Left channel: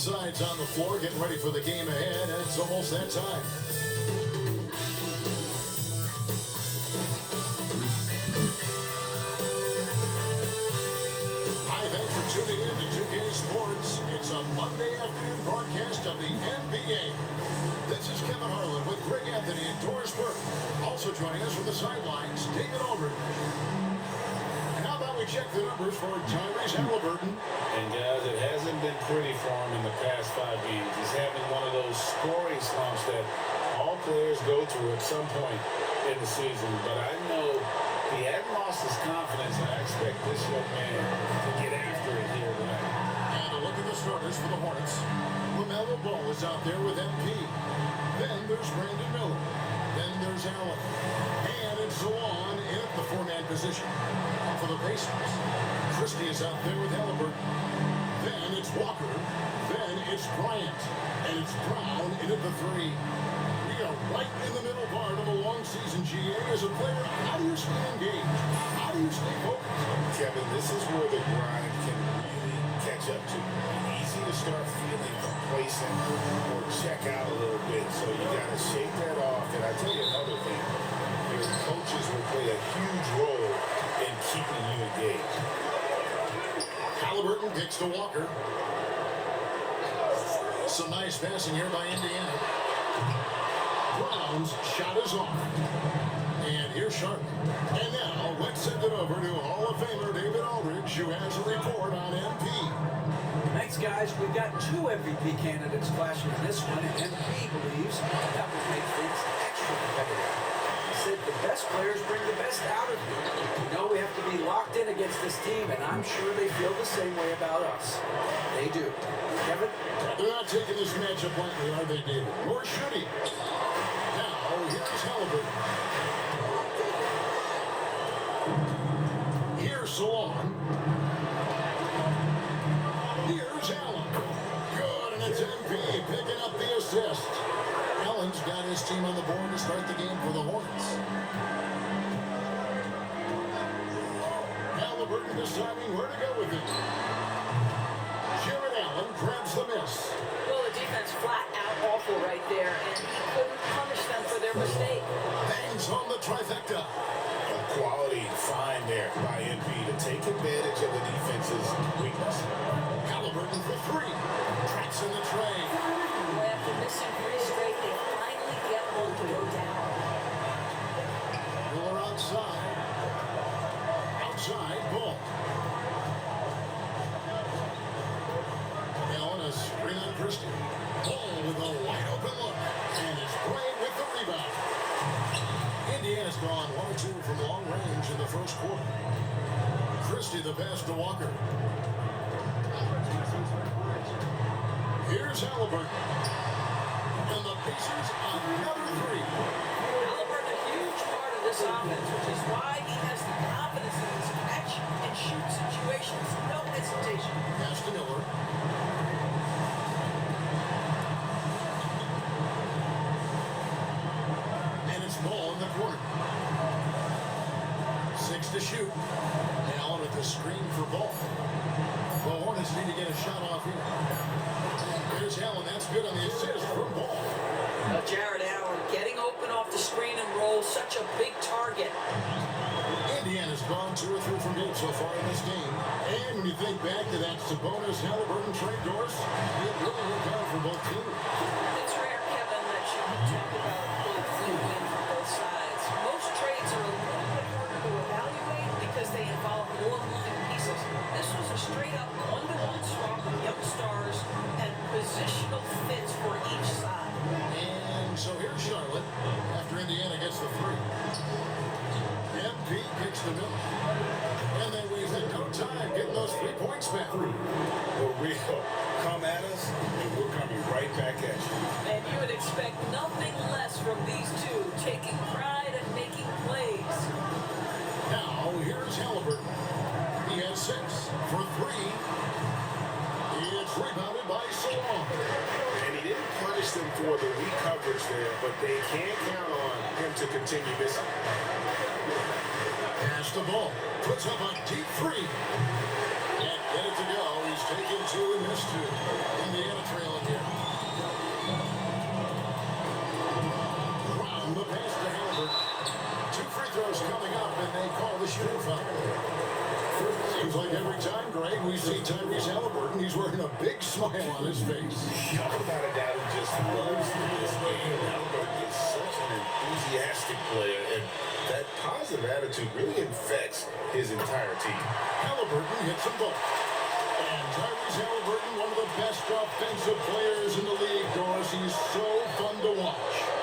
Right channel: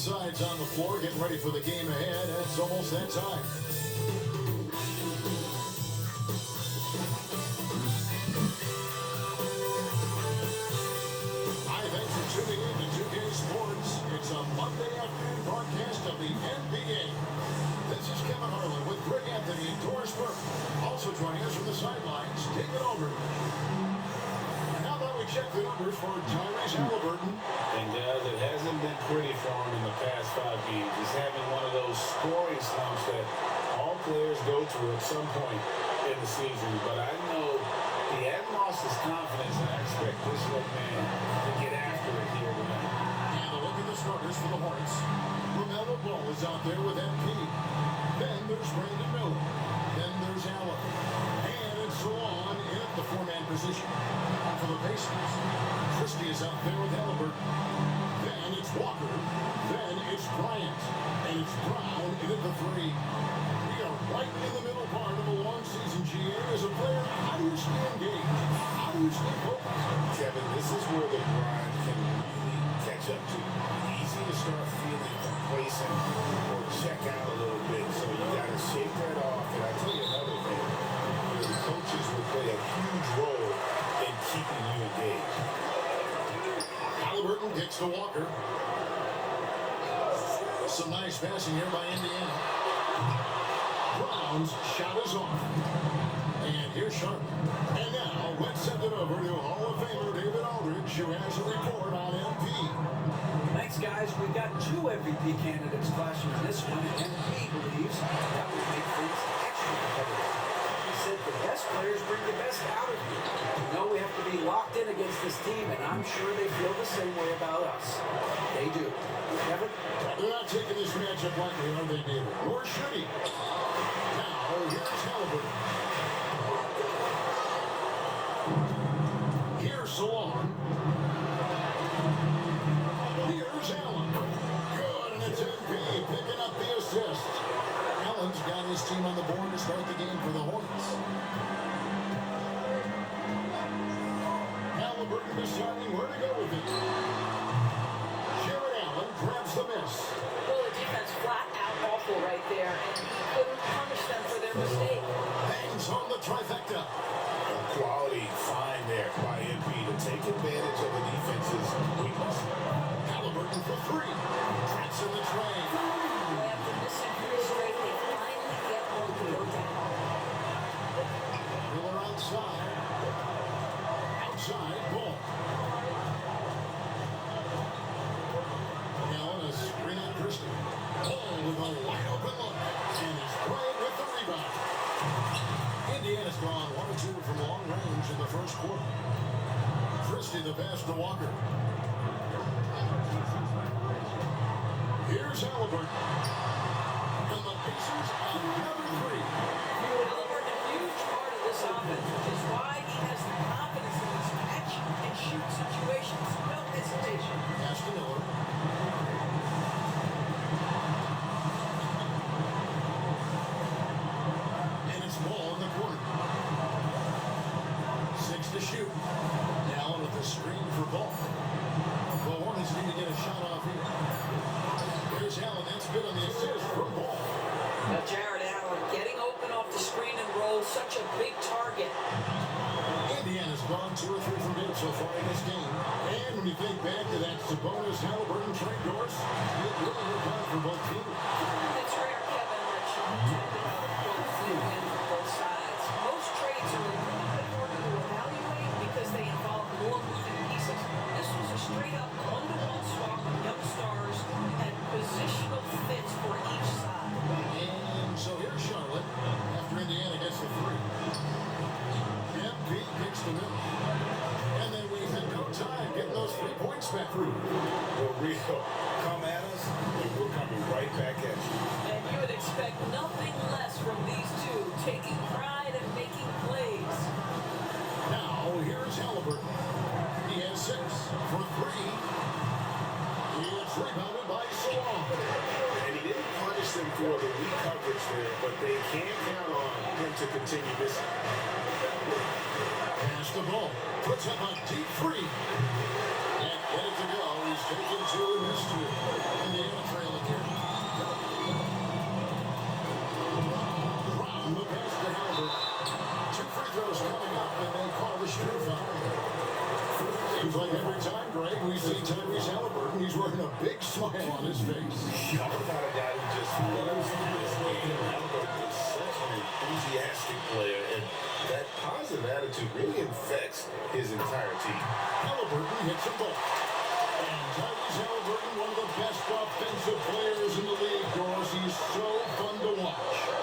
sides on the floor getting ready for the game ahead. It's almost that time. Hi, thanks for tuning in to 2K Sports. It's a Monday afternoon broadcast of the NBA. This is Kevin Harlan with Greg Anthony and Doris Burke. Also joining us from the sidelines, David Aldridge. And how about we check the numbers for Tyrese Haliburton? And guys, it hasn't been pretty for him in the past 5 games. He's having one of those scoring slumps that all players go through at some point in the season. But I know he hadn't lost his confidence, and I expect this young man to get after it here tonight. And a look at the starters for the Hornets. LaMelo Ball is out there with MP. Then there's Brandon Miller. Then there's Allen. And it's Zawan in at the four-man position. And for the Pacers, Christie is out there with Haliburton. Then it's Walker. Then it's Bryant. And it's Brown in at the three. We are right in the middle part of a long season, GA. As a player, how do you stay engaged? How do you stay focused? Kevin, this is where the grind can really catch up to you. Easy to start feeling complacent or check out a little bit. So you got to shake that off. And I tell you another thing, your coaches will play a huge role in keeping you engaged. Haliburton kicks to Walker. Some nice passing here by Indiana. Brown's shot is off. And here's Sharp. And now let's send it over to Hall of Famer David Aldridge, who has a report on MP. Thanks, guys. We've got 2 MVP candidates clashing in this one, and MP believes that will make things extra competitive. He said the best players bring the best out of you. We know we have to be locked in against this team, and I'm sure they feel the same way about us. They do. Kevin? They're not taking this matchup lightly, are they, David? Nor should he. Now, here's Haliburton. Here's Zawan. Here's Allen. Good, and it's MP picking up the assist. Allen's got his team on the board to start the game for the Hornets. Haliburton deciding where to go with it. Jared Allen grabs the miss. Well, the defense flat out awful right there, and he couldn't punish them for their mistake. Bangs on the trifecta. A quality find there by NP to take advantage of the defense's weakness. Haliburton for three. Tracks in the tray. Well, after missing 3 straight, they finally get one to go down. Miller outside. Outside, ball. Allen a screen on Christie. Ball with a wide open look. And it's Bryant with the rebound. Indiana's gone 1 or 2 from long range in the first quarter. Christie the pass to Walker. Here's Haliburton. And the Pacers another 3. Haliburton, a huge part of this offense, which is why he has the confidence in his catch and shoot situations. No hesitation. Pass to Miller. And it's Ball in the corner. 6 to shoot. Allen at the screen for Ball. The Hornets need to get a shot off here. There's Allen. That's good on the assist from Ball. Jared Allen getting open off the screen and roll, such a big target. Indiana's gone 2 or 3 from deep so far in this game. And when you think back to that Sabonis Haliburton trade, Doris, it really worked out for both teams. It's rare, Kevin, that you talk about a full win for both sides. Most trades are a little bit harder to evaluate because they involve more moving pieces. This was a straight-up one-to-one swap of young stars and positional fits for each side. And so here's Charlotte after Indiana gets the 3. MP kicks the middle. And they wasted no time getting those 3 points back. The real come at us, and we're coming right back at you. And you would expect nothing less from these two, taking pride and making plays. Now here's Haliburton. He has 6 for 3. It's rebounded by Zawan. And he didn't punish them for the weak coverage there, but they can't count on him to continue this. Pass the ball. Puts up a deep 3. And get it to go. He's taken two and missed two. Indiana trailing here. Brown, the pass to Halliburton. Two free throws coming up, and they call the shooting foul. Seems like every time, Greg, we see Tyrese Halliburton, he's wearing a big smile on his face. Talk about a guy who just loves this game. Halliburton is such an enthusiastic player, and that positive attitude really infects his entire team. Halliburton hits a ball. And Tyrese Halliburton, one of the best offensive players in the league, Doris. He's so fun to watch.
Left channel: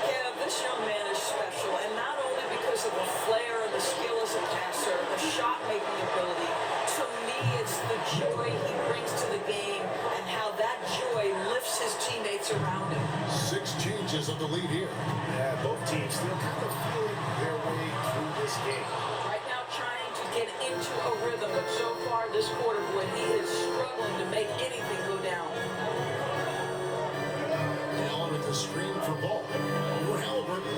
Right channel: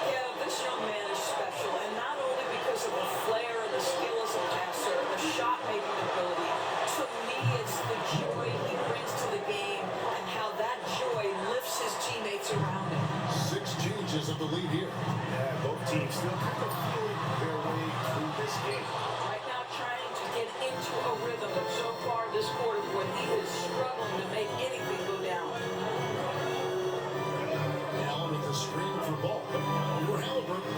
Yeah, this young man is special, and not only because of the flair and the skill as a passer, the shot-making ability. To me, it's the joy he brings to the game and how that joy lifts his teammates around him. 6 changes of the lead here. Yeah, both teams still kind of feeling their way through this game. Right now trying to get into a rhythm, but so far this quarter, boy, he is struggling to make anything go down. Allen with the screen for ball. Over Halliburton.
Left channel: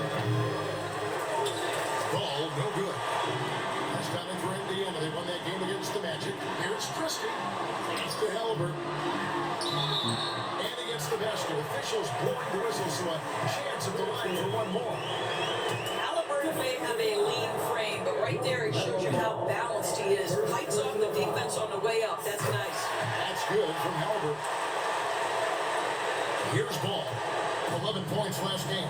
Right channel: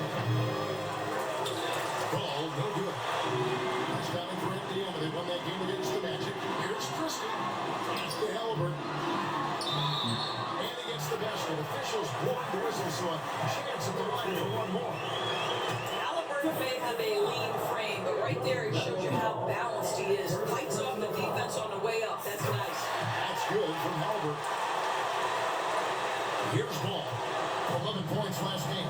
Ball, no good. That's coming for Indiana. They won that game against the Magic. Here's Christie. Pass to Halliburton. And he gets the basket. Officials blowing the whistle, so a chance at the line for one more. Halliburton may have a lean frame, but right there he shows you how balanced he is. Fights off the defense on the way up. That's nice. That's good from Halliburton. Here's Ball. 11 points last game.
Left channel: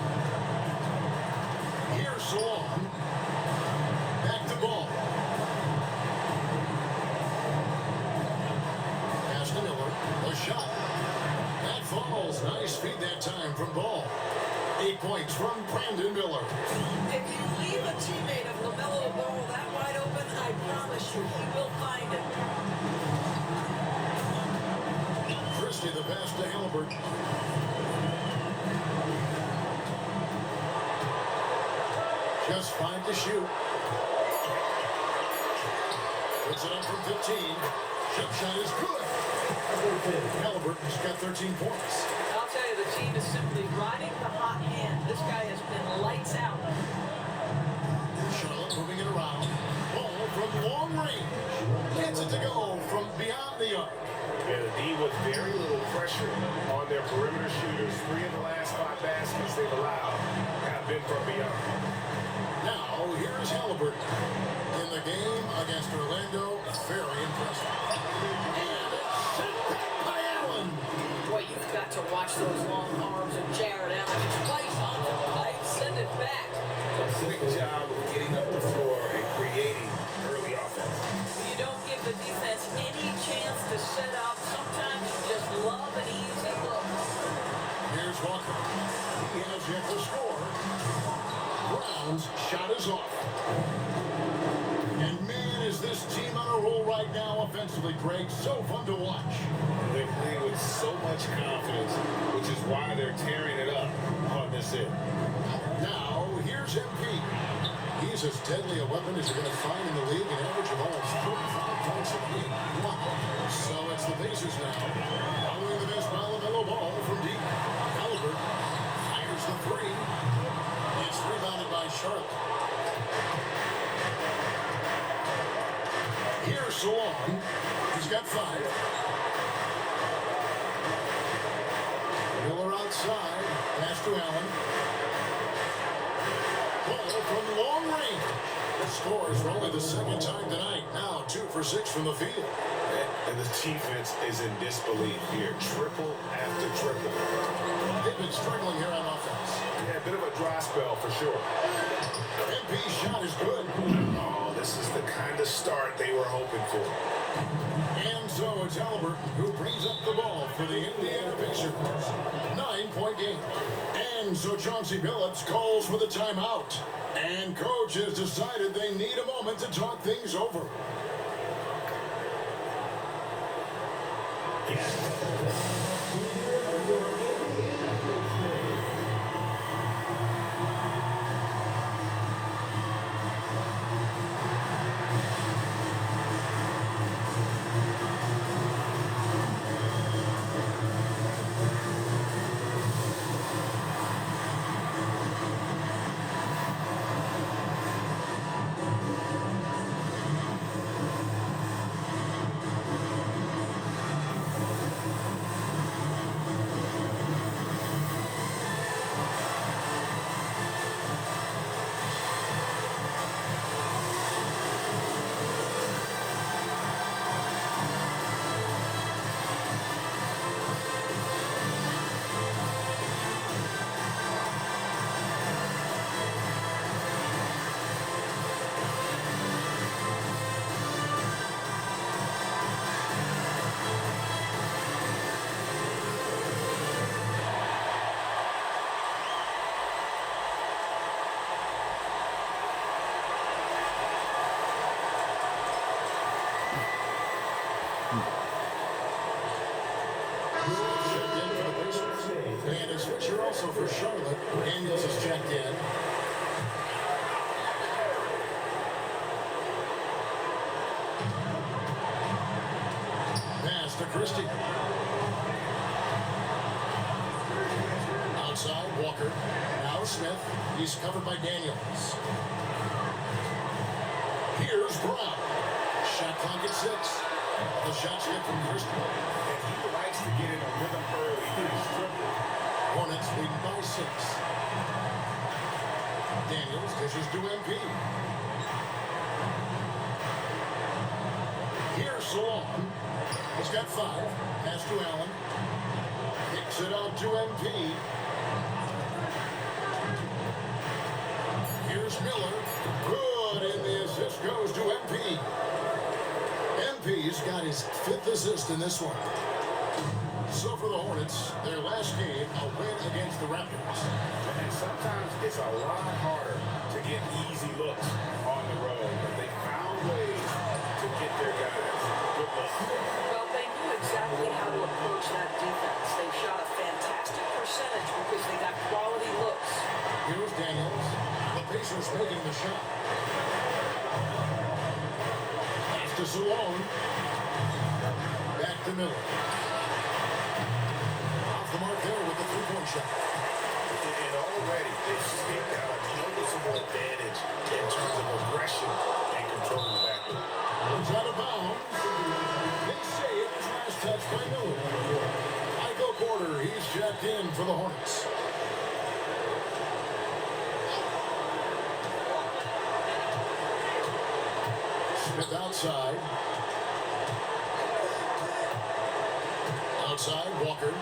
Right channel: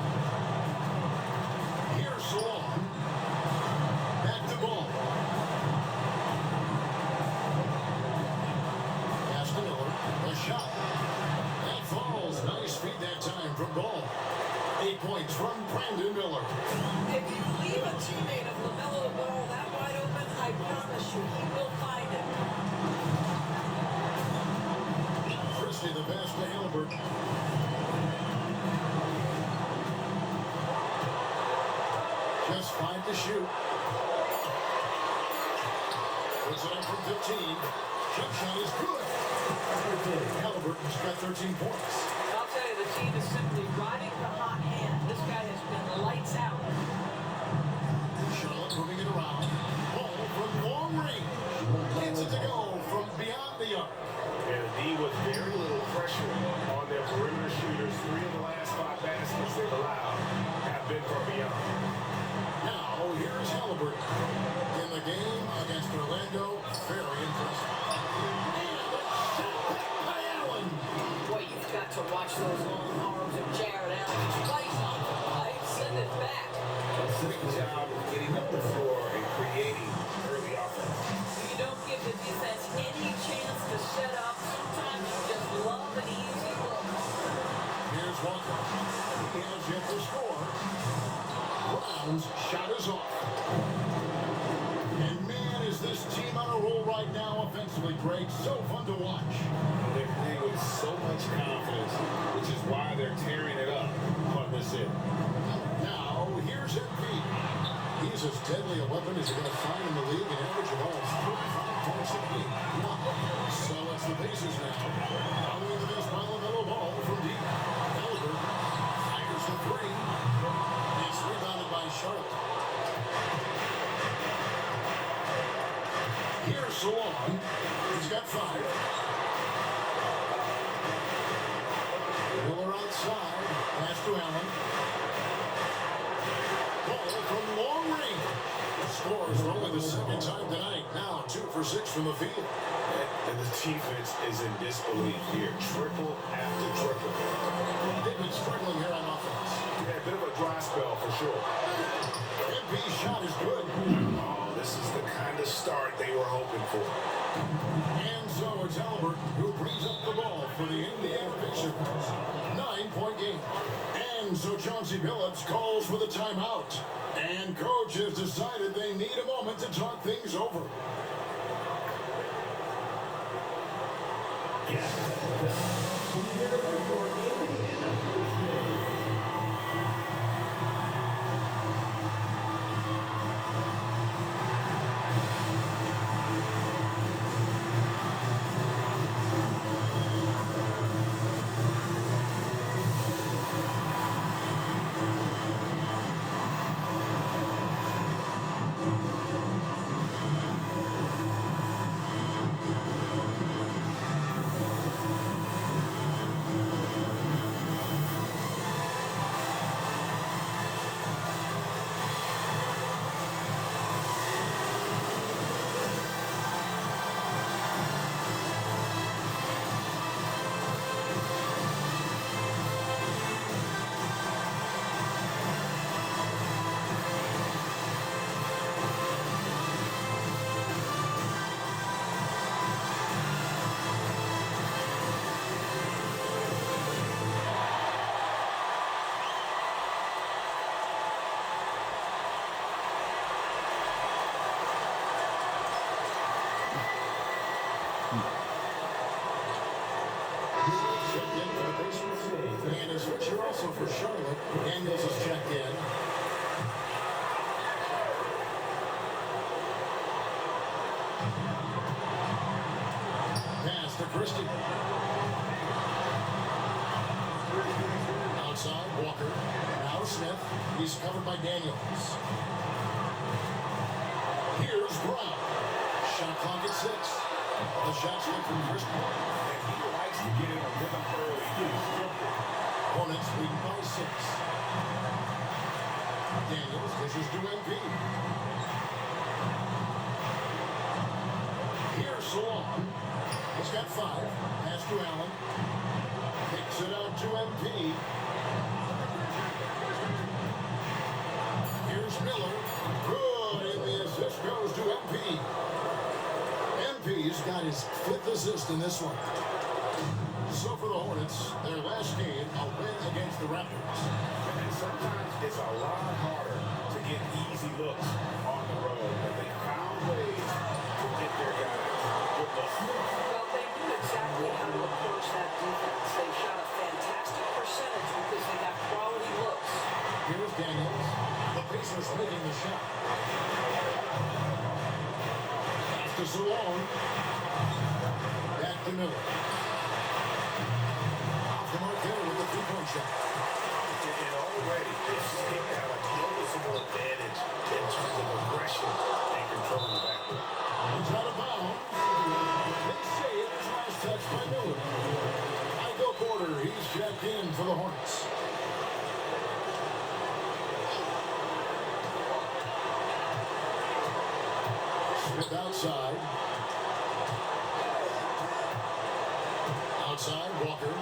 Here's Salon. Back to Ball. Pass to Miller. A shot. That falls. Nice feed that time from Ball. 8 points from Brandon Miller. If you leave a teammate of LaMelo Ball that wide open, I promise you he will find it. Christie the pass to Halliburton. Just 5 to shoot. Puts it up from 15. Jump shot is good. Halliburton's got 13 points. I'll tell you, the team is simply riding the hot hand. This guy has been lights out. Charlotte moving it around. Ball from long range. Gets it to go from beyond the arc. Yeah, the D with very little pressure on their perimeter shooters. 3 of the last 5 baskets they've allowed have been from beyond. Now, here is Halliburton in the game against Orlando. Very impressive. And a set back by Allen. Boy, you've got to watch those long arms of Jared Allen. It's right on the pipe, send it back. Great job of getting up the floor and creating early offense. You don't give the defense any chance to set up. Sometimes you just love an easy look. Here's Walker. He has yet to score. Brown's shot is off. And man, is this team on a roll right now offensively, Greg. So fun to watch. They play with so much confidence, which is why they're tearing it up on this end. Now, here's MP. He's as deadly a weapon as you're going to find in the league, an average of almost 45 points a game. Wow. So it's the Pacers now. Following the miss by LaMelo Ball from deep. Halliburton fires the 3. It's rebounded by Charlotte. Here's Salon. He's got 5. Miller outside. Pass to Allen. Ball from long range. The scores for only the second time tonight. Now 2 for 6 from the field. And the defense is in disbelief here. Triple after triple. They've been struggling here on offense. Yeah, a bit of a dry spell for sure. MP's shot is good. Oh, this is the kind of start they were hoping for. And so it's Halliburton who brings up the ball for the Indiana Pacers. 9-point game. And so Chauncey Billups calls for the timeout. And coach has decided they need a moment to talk things over. Christie. Outside, Walker. Now Smith. He's covered by Daniels. Here's Brown. Shot clock at 6. The shot's good from Christie. And he likes to get in a rhythm early. He's triple. Hornets lead by 6. Daniels dishes to MP. Here's Salon. He's got 5. Pass to Allen. Kicks it out to MP. Here's Miller. Good, and the assist goes to MP. MP's got his 5th assist in this one. So for the Hornets, their last game, a win against the Raptors. And sometimes it's a lot harder to get easy looks on the road, but they found ways to get their guys good looks. Well, they knew exactly how to approach that defense. They shot a fantastic percentage because they got quality looks. Here's Daniels. The Pacers making the shot. Pass to Salon. Back to Miller. Off the mark there with the three-point shot. And already they've staked out a noticeable advantage in terms of aggression and controlling the backcourt. He's out of bounds. They say it was last touch by Miller. Michael Porter, he's checked in for the Hornets. Smith outside. Outside, Walker.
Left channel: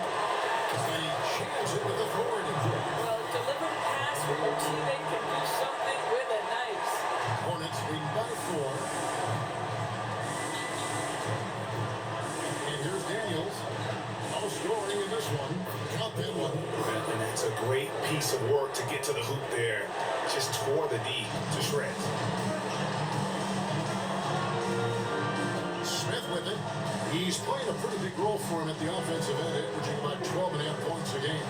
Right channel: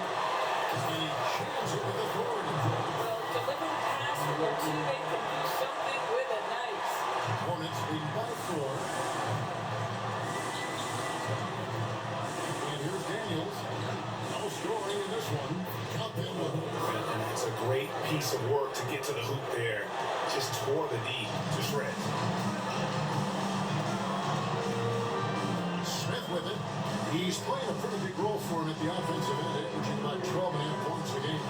And he jams it with authority. Well, delivered pass from your teammate can do something with it nice. Hornets lead by 4. And here's Daniels. No scoring in this one. Count them one. And that's a great piece of work to get to the hoop there. Just tore the D to shreds. Smith with it. He's playing a pretty big role for him at the offensive end, averaging about 12.5 points a game.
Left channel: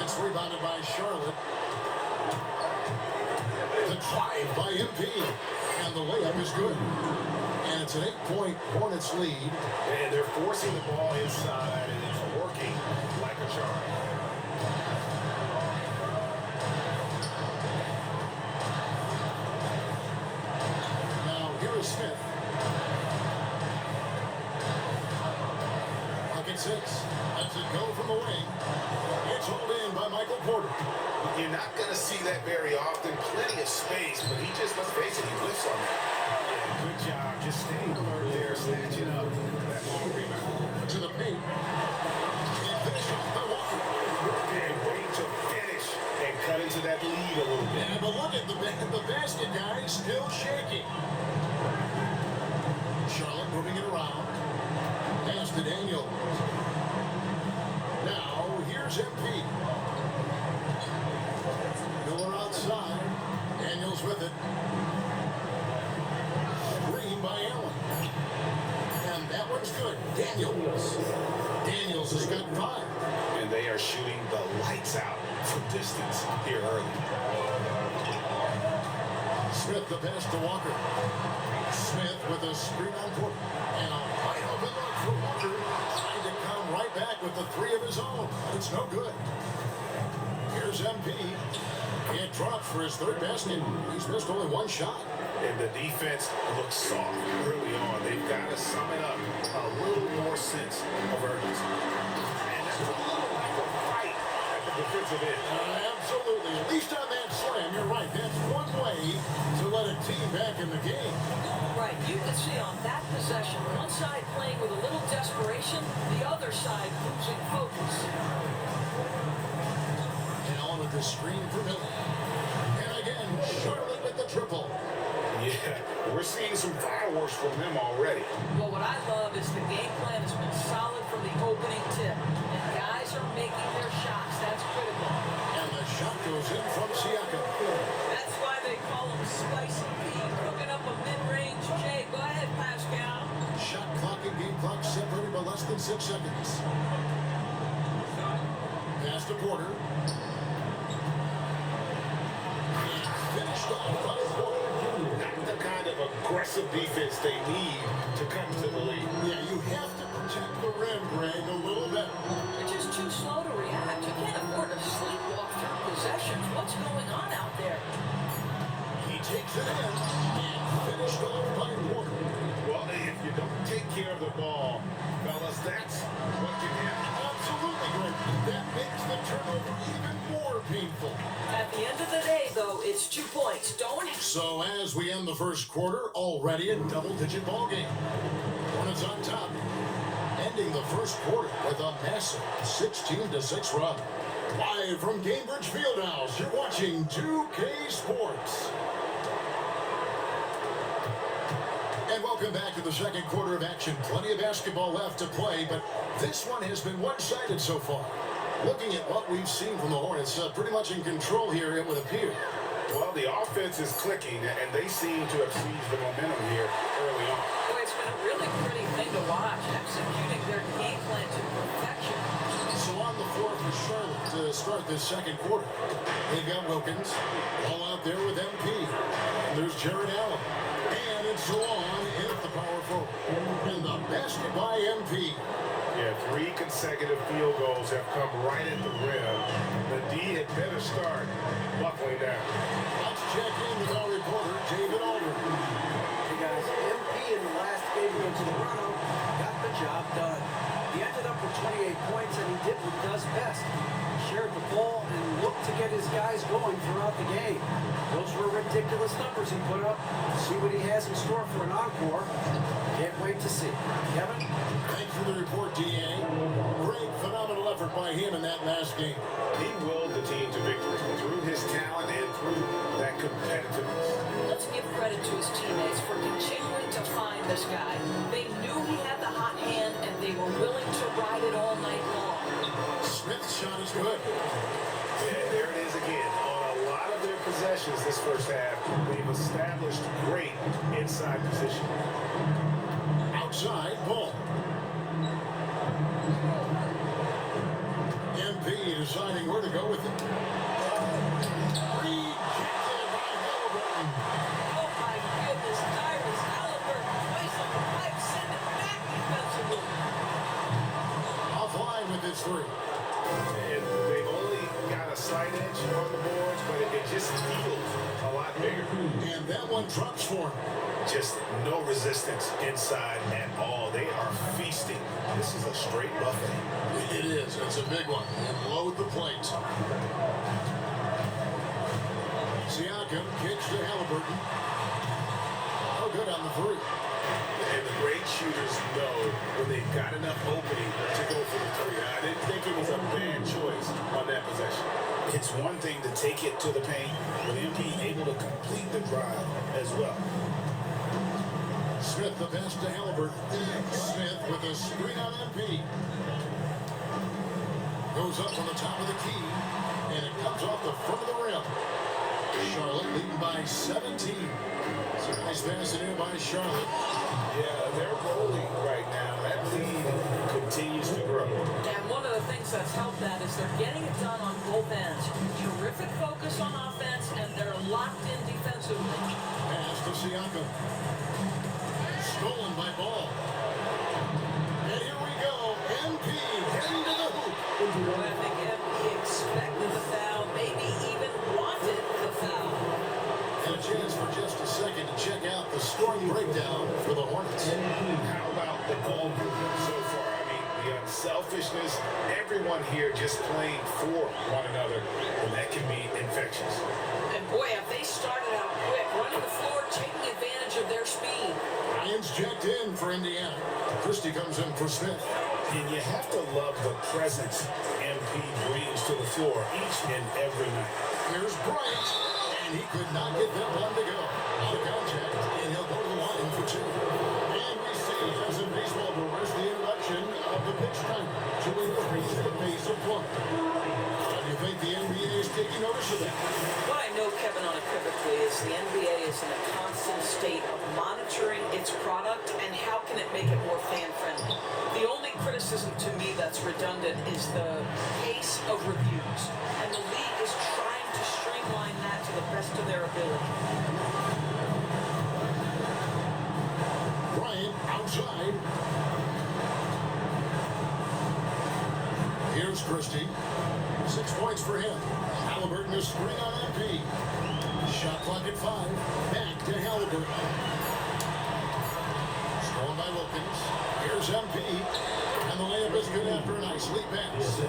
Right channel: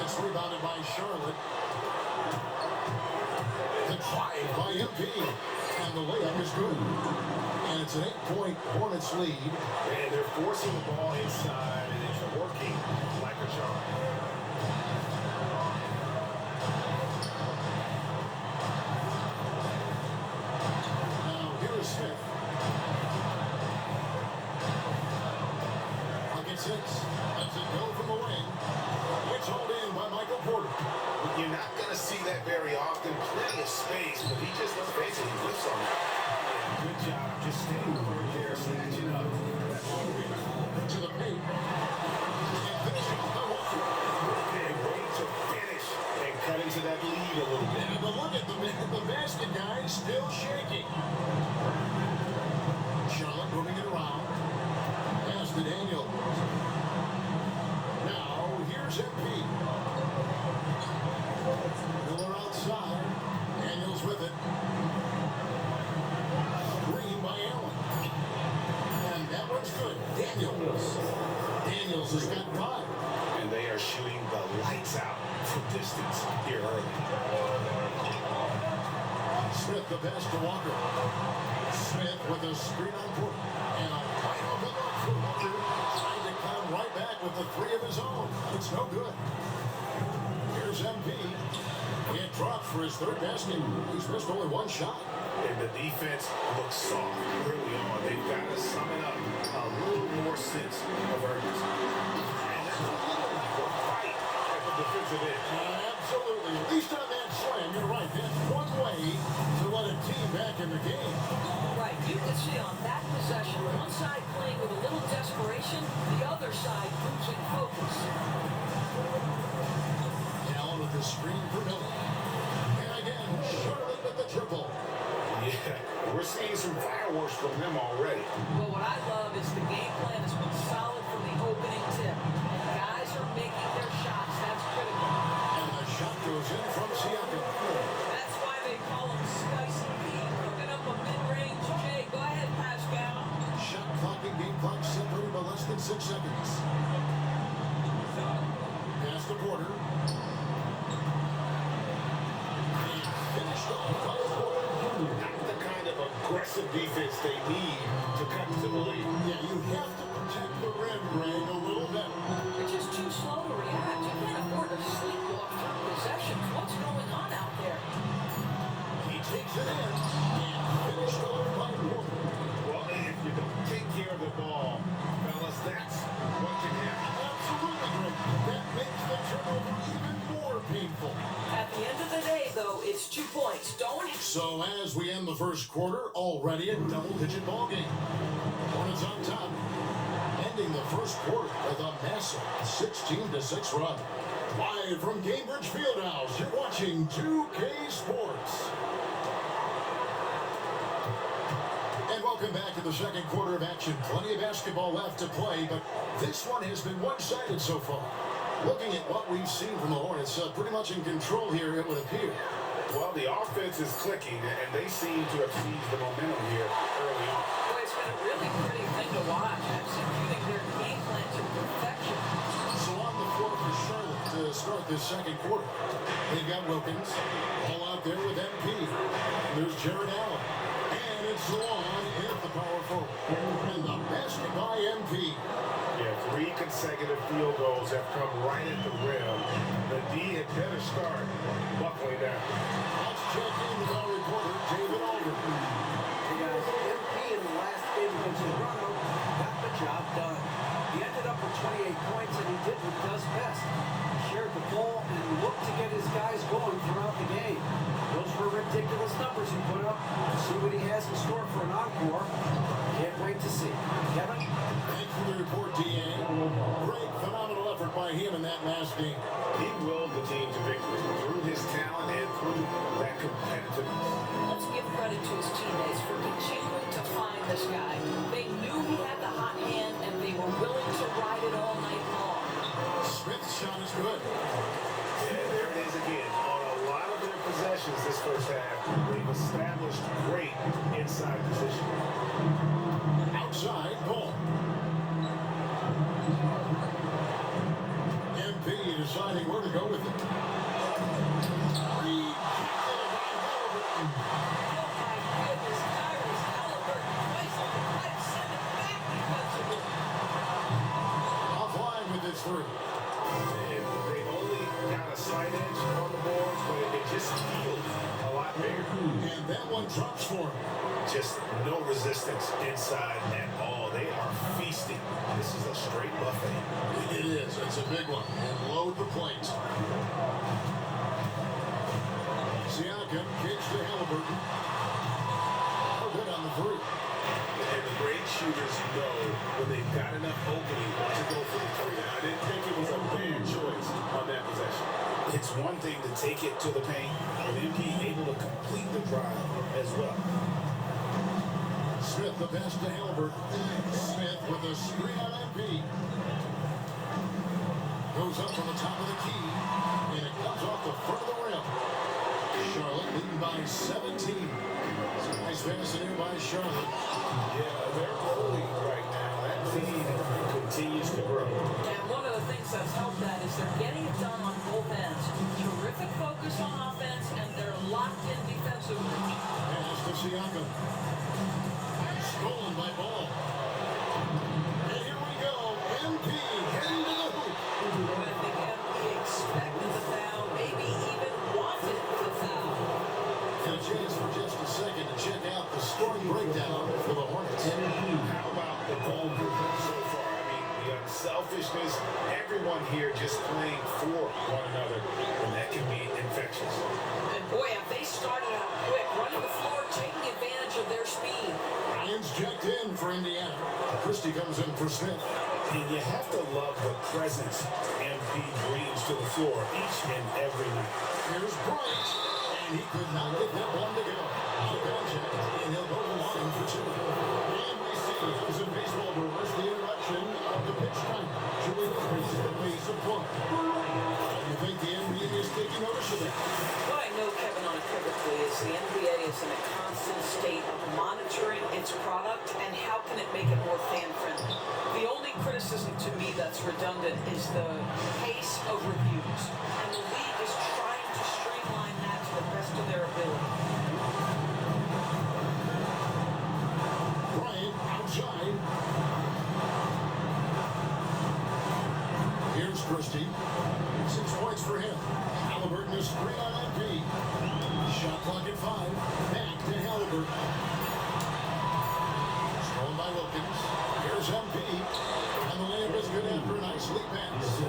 It's rebounded by Charlotte. The drive by MP. And the layup is good. And it's an 8-point Hornets lead. And they're forcing the ball inside, and it's working like a charm. Now, here is Smith. Pocket 6. Lets it go from the wing. It's hauled in by Michael Porter. You're not going to see that very often. Plenty of space, but he just, let's face it, he whiffs on that. Yeah, good job. Just staying alert there, snatching up that long rebound. To the paint. And finishes by Walker. And waiting to finish and cut into that lead a little bit. Yeah, but look at the basket guy still shaking. Charlotte moving it around. Pass to Daniel. Now, here's MP. Miller outside. Daniels with it. Screen by Allen. And that one's good. Daniels has got 5. And they are shooting the lights out from distance here early. Smith the pass to Walker. Smith with a screen on Porter. And a wide open look for Walker. Trying to come right back with the 3 of his own. It's no good. Here's MP. It drops for his 3rd basket. He's missed only 1 shot. And the defense looks soft early on. They've got to sum it up a little more sense of urgency. And that's a little lack of fight at the defensive end. Absolutely. At least on that slam, you're right. That's one way to let a team back in the game. Right, you can see on that possession, one side playing with a little desperation, the other side losing focus. Allen with the screen for Miller. And again, Charlotte with the triple. Yeah, we're seeing some fireworks from them already. Well, what I love is the game plan has been solid from the opening tip. And guys are making their shots. That's critical. And the shot goes in from Siakam. That's why they call him Spicy Pete, cooking up a mid-range J. Go ahead, Pascal. Shot clock and game clock separated by less than 6 seconds. Pass to Porter. Finished off by Porter. Not the kind of aggressive defense they need to to cut into the lead. Yeah, you have to protect the rim, Greg, a little better. You're just too slow to react. You can't afford to sleepwalk through possessions. What's going on out there? He takes it in and finished off by Porter. Well, if you don't take care of the ball, fellas, that's what can happen. Absolutely, Greg. That makes the turnover even more painful. At the end of the day, though, it's 2 points. Don't. So as we end the first quarter, already a double-digit ball game. Hornets on top, ending the first quarter with a massive 16-6 run. Live from Gainbridge Fieldhouse, you're watching 2K Sports. And welcome back to the second quarter of action. Plenty of basketball left to play, but this one has been one-sided so far. Looking at what we've seen from the Hornets, pretty much in control here, it would appear. Well, the offense is clicking, and they seem to have seized the momentum here early on. Boy, it's been a really pretty thing to watch, executing their game plan to perfection. So on the floor for Charlotte to start this second quarter. They've got Wilkins, all out there with MP. And there's Jared Allen. And it's Zawan in at the power forward. And the basket by MP. Yeah, 3 consecutive field goals have come right at the rim. The D had better start buckling down. Let's check in with our reporter, David Aldridge. Hey guys, MP in the last game against Toronto got the job done. He ended up with 28 points, and he did what he does best. He shared the ball and looked to get his guys going throughout the game. Those were ridiculous numbers he put up. See what he has in store for an encore. Can't wait to see. Kevin? Thanks for the report, D.A. Great, phenomenal effort by him in that last game. He willed the team to victory through his talent and through that competitiveness. Let's give credit to his teammates for continuing to find this guy. They knew he had the hot hand, and they were willing to ride it all night long. Smith's shot is good. Yeah, there it is again. On a lot of their possessions this first half, they've established great inside position. Outside ball. MP deciding where to go with it. Rejected by Halliburton. Oh my goodness, Tyrese Halliburton twice on the pipe, send it back defensively. Offline with his three. And they've only got a slight edge on the boards, but it just feels a lot bigger. And that one drops for him. Just no resistance inside at all. They are feasting. This is a straight buffet. It is. It's a big one. And load the plate. Siakam kicks to Halliburton. Oh, good on the three. And the great shooters know when they've got enough opening to go for the three. I didn't think it was a bad choice on that possession. It's one thing to take it to the paint, but MP able to complete the drive as well. Smith the pass to Halliburton. Smith with a screen on MP. Goes up on the top of the key, and it comes off the front of the rim. Charlotte leading by 17. It's a nice pass in by Charlotte. Yeah, they're rolling right now. That lead continues to grow. And one of the things that's helped that is they're getting it done on both ends. Terrific focus on offense, and they're locked in defensively. Pass to Siakam. Stolen by Ball. And here we go. MP heading to the hoop. Boy, I think MP expected the foul, maybe even wanted the foul. And a chance for just a second to check out the scoring breakdown for the Hornets. How about the ball movement so far? I mean, the unselfishness, everyone here just playing for one another, and that can be infectious. And boy, have they started out quick, running the floor, taking advantage of their speed. Ryan's checked in for Indiana. Christie comes in for Smith. And you have to love the presence MP brings to the floor each and every night. Here's Bryant, and he could not get that one to go. Out of contact, and he'll go to the line for two. And we see, as in baseball brewers, the introduction of the pitch timer to increase the pace of play. Do you think the NBA is taking notice of that? What I know, Kevin, unequivocally is the NBA is in a constant state of monitoring its product and how can it make it more fan-friendly. The only criticism to me that's redundant is the pace of reviews. And the league is trying to streamline that to the best of their ability. Bryant outside. Christie. 6 points for him. Halliburton is screen on MP. Shot clock at 5. Back to Halliburton. Stolen by Wilkins. Here's MP. And the layup is good after a nice lead pass.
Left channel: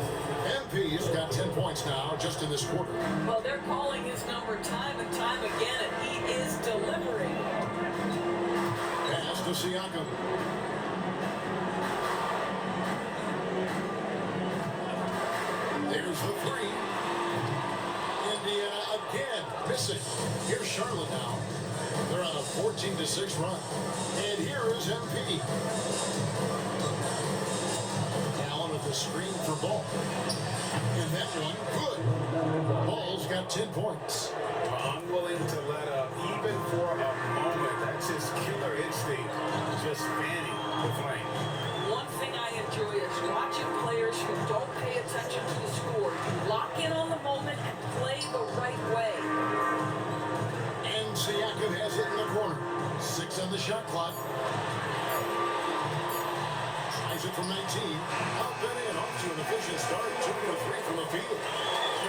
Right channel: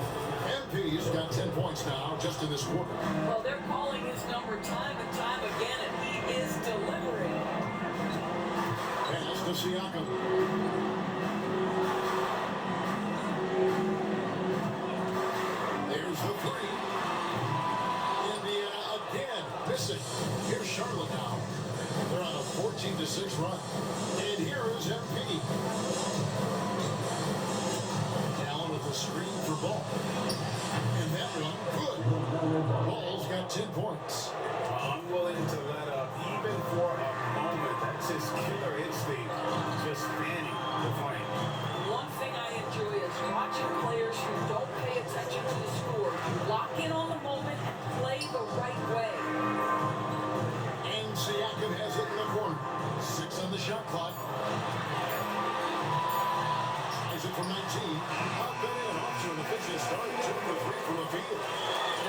MP's got 10 points now just in this quarter. Well, they're calling his number time and time again, and he is delivering. Pass to Siakam. There's the three. Indiana again missing. Here's Charlotte now. They're on a 14-6 run. And here is MP. Allen with the screen for Ball. And that one, good. Ball's got 10 points. Unwilling to let up even for a moment. That's his killer instinct. Just fanning the flame. One thing I enjoy is watching players who don't pay attention to the score. You lock in on the moment and play the right way. And Siakam has it in the corner. 6 on the shot clock. Tries it from 19. Up and in. Off to an efficient start. 2 for 3 from the field.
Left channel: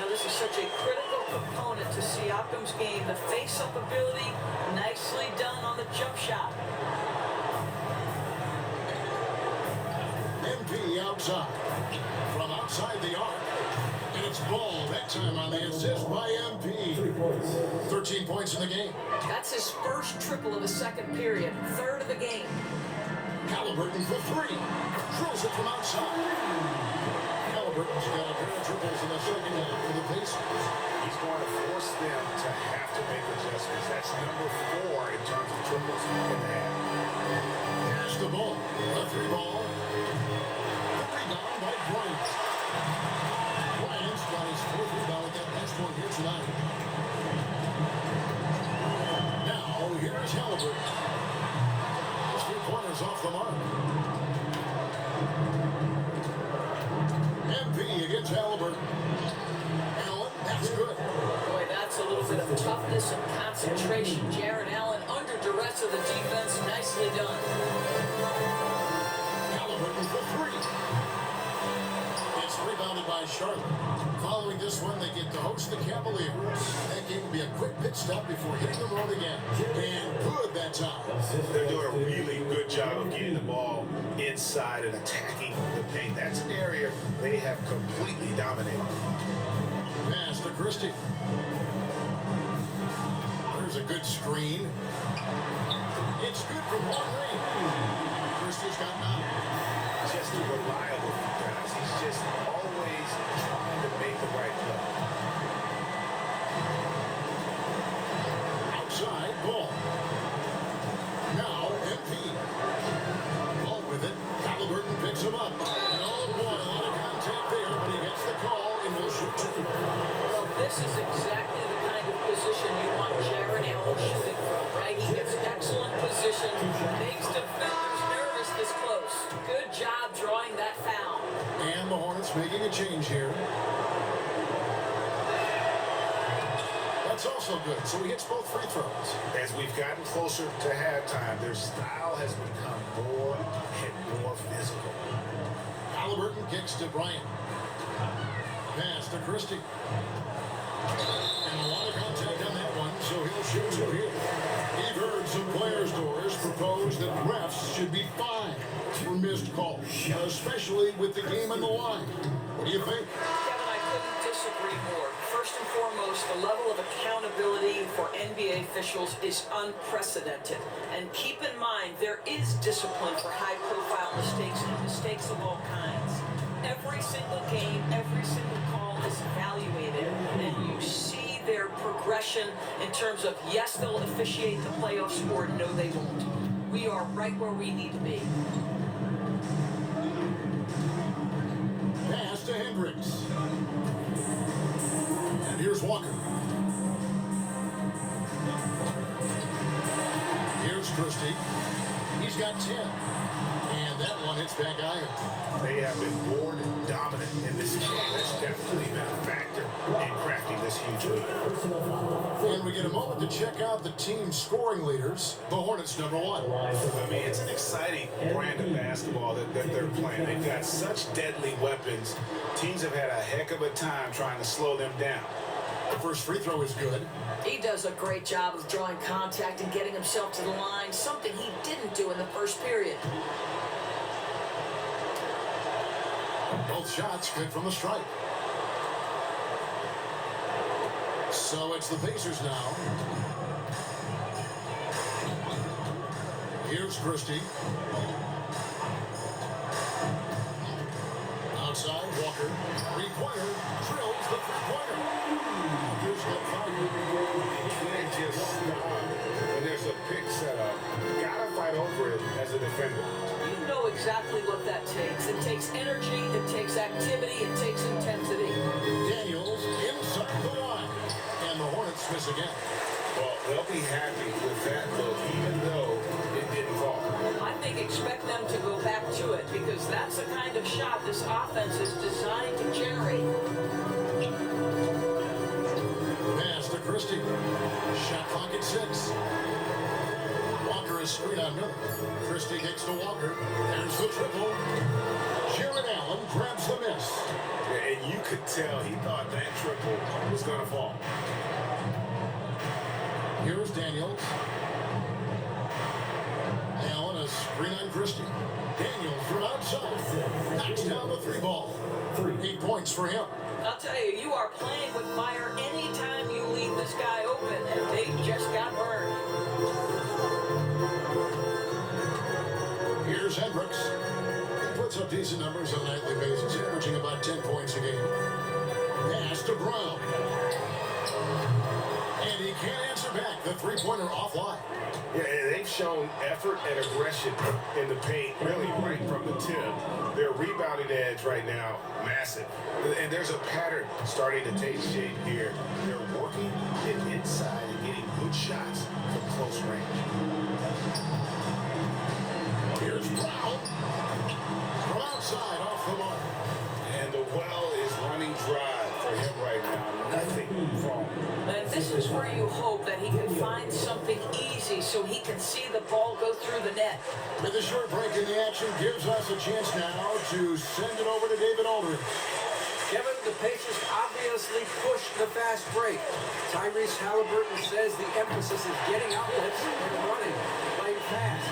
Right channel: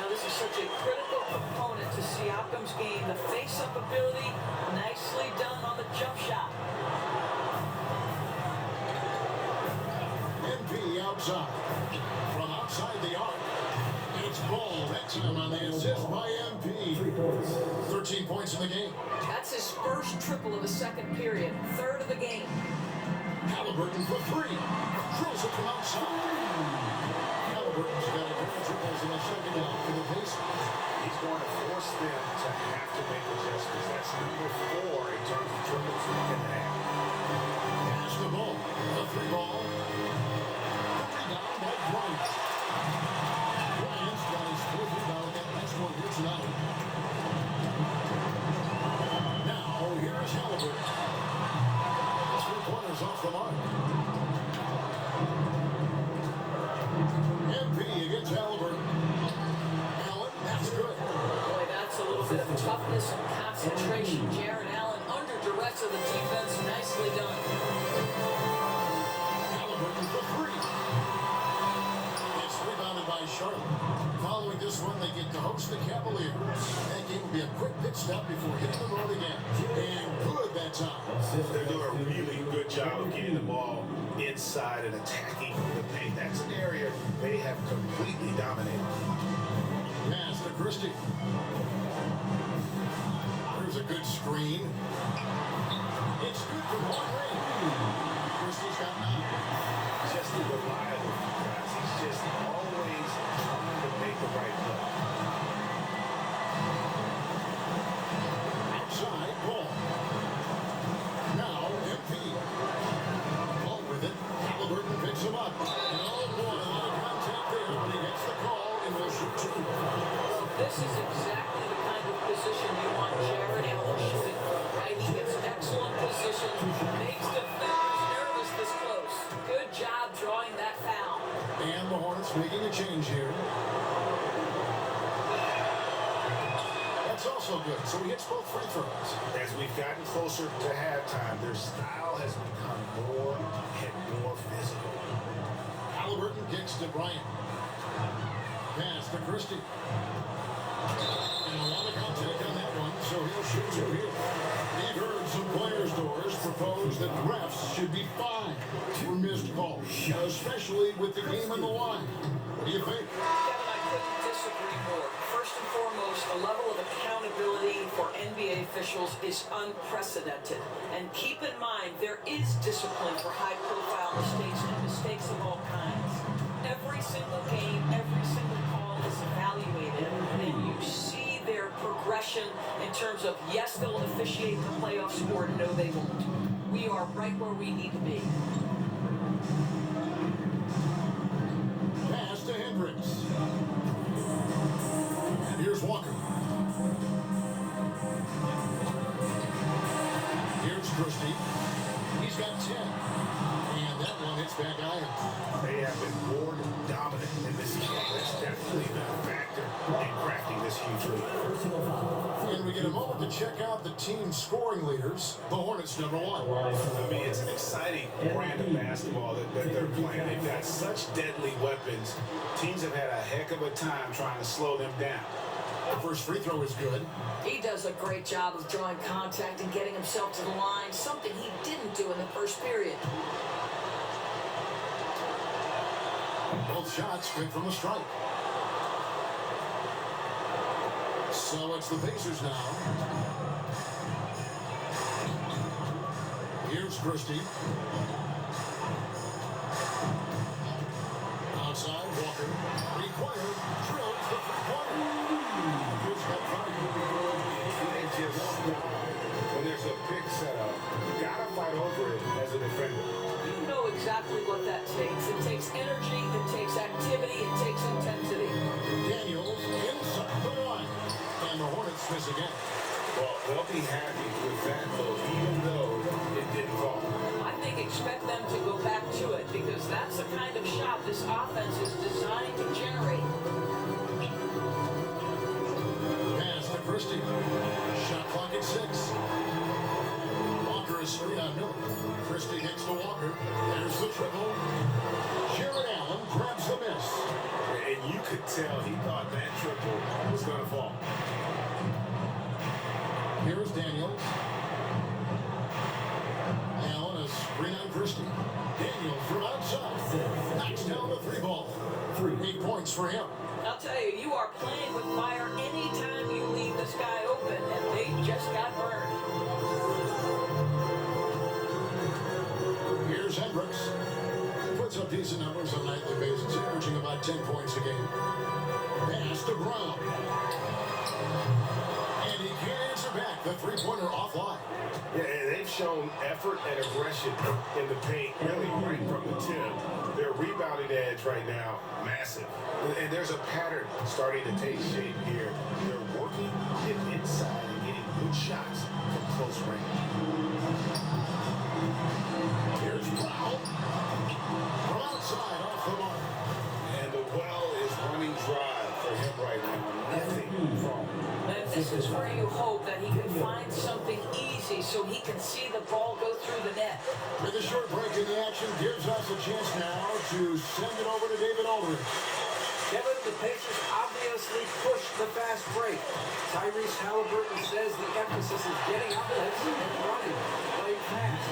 Now, this is such a critical component to Siakam's game. The face-up ability, nicely done on the jump shot. MP outside. From outside the arc. And it's Ball that time on the assist by MP. 13 points in the game. That's his first triple of the second period, third of the game. Halliburton for 3. Drills it from outside. Halliburton's got a pair of triples in the second half for the Pacers. He's going to force them to have to make adjustments. That's number 4 in terms of triples in the half. Pass the ball. The 3 ball. The rebound by Bryant. Bryant's got his 4th rebound with that last one here tonight. Now, here's Halliburton. Those 3 pointers off the mark. MP against Halliburton. Allen, that's good. Boy, that's a little bit of toughness and concentration. Jared Allen under duress of the defense, nicely done. Halliburton for 3. It's rebounded by Charlotte. Following this one, they get to host the Cavaliers. That game will be a quick pit stop before hitting the road again. And good that time. They're doing a really good job of getting the ball inside and attacking the paint. That's an area they have completely dominated. Pass to Christie. There's a good screen. It's good from long range. Christie's got 9. Just a reliable guys. He's just always trying to make the right play. Outside ball. Now MP. Ball with it. Halliburton picks him up. And oh boy, a lot of contact there, but he gets the call and will shoot 2. Well, this is exactly the kind of position you want Jared Allen shooting from, right? He gets excellent position, makes defenders nervous this close. Good job drawing that foul. And the Hornets making a change here. That's also good. So he hits both free throws. As we've gotten closer to halftime, their style has become more and more physical. Halliburton kicks to Bryant. Pass to Christie. And a lot of contact on that one, so he'll shoot 2 here. We've heard some players' doors propose that refs should be fined for missed calls, especially with the game on the line. What do you think? Kevin, I couldn't disagree more. First and foremost, the level of accountability for NBA officials is unprecedented. And keep in mind, there is discipline for high-profile mistakes and mistakes of all kinds. Every single game, every single call is evaluated, and you see their progression in terms of, yes, they'll officiate the playoffs, or no, they won't. We are right where we need to be. Pass to Hendricks. And here's Walker. Here's Christie. He's got 10. And that one hits back iron. They have been more dominant in this game. That's definitely been a factor in crafting this huge lead. And we get a moment to check out the team scoring leaders. The Hornets, number one. I mean, it's an exciting brand of basketball that they're playing. They've got such deadly weapons. Teams have had a heck of a time trying to slow them down. The first free throw is good. He does a great job of drawing contact and getting himself to the line, something he didn't do in the first period. Both shots good from the stripe. So it's the Pacers now. Here's Christie. Outside, Walker. Required. Drills the three-pointer. Here's that fire. You can't just stop when there's a pick set up. You gotta fight over it as a defender. You know exactly what that takes. It takes energy, it takes activity, it takes intensity. Daniels inside the line. And the Hornets miss again. Well, they'll be happy with that look, even though it didn't fall. I think expect them to go back to it because that's the kind of shot this offense is designed to generate. Pass to Christie. Shot clock at 6. Walker is straight on Miller. Christie kicks to Walker. There's the triple. Jared Allen grabs the miss. And you could tell he thought that triple was going to fall. Here's Daniels. Allen a screen on Christie. Daniels from outside. Knocks down the three ball. 8 points for him. I'll tell you, you are playing with fire anytime you leave this guy open, and they just got burned. Here's Hendricks. Puts up decent numbers on a nightly basis, averaging about 10 points a game. Pass to Brown. And he can't answer back. The three-pointer offline. Yeah, and they've shown effort and aggression in the paint, really right from the tip. Their rebounding edge right now, massive. And there's a pattern starting to take shape here. They're working it inside and getting good shots from close range. Here's Brown. From outside, off the mark. And the well is running dry for him right now. Nothing wrong. And this is where you hope that he can find something easy so he can see the ball go through the net. With a short break in the action gives us a chance now to send it over to David Aldridge. Kevin, the Pacers obviously pushed the fast break. Tyrese Halliburton says the emphasis is getting outlets and running, playing fast.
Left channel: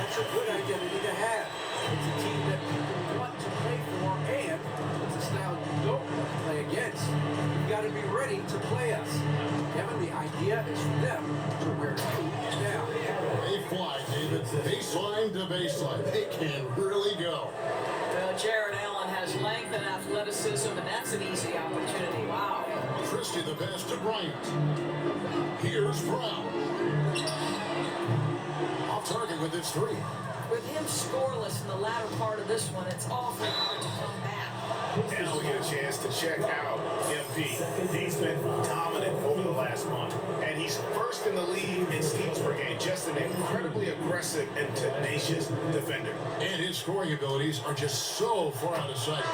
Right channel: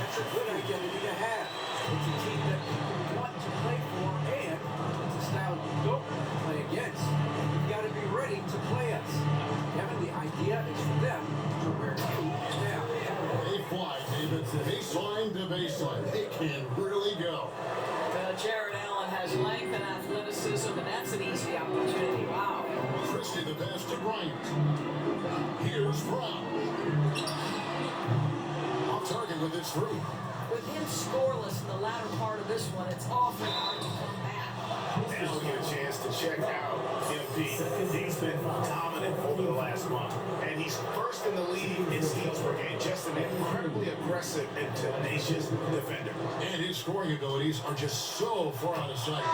That's a good identity to have. It's a team that people want to play for, and it's a style you don't want to play against. You've got to be ready to play us. Kevin, the idea is for them to wear you down. They fly, David. Baseline to baseline. They can really go. Jared Allen has length and athleticism, and that's an easy opportunity. Wow. Christie the pass to Bryant. Here's Brown. Off target with his three. With him scoreless in the latter part of this one, it's awfully hard to come back. Now we get a chance to check out MP. He's been dominant over the last month, and he's first in the league in steals per game. Just an incredibly aggressive and tenacious defender. And his scoring abilities are just so far out of sight.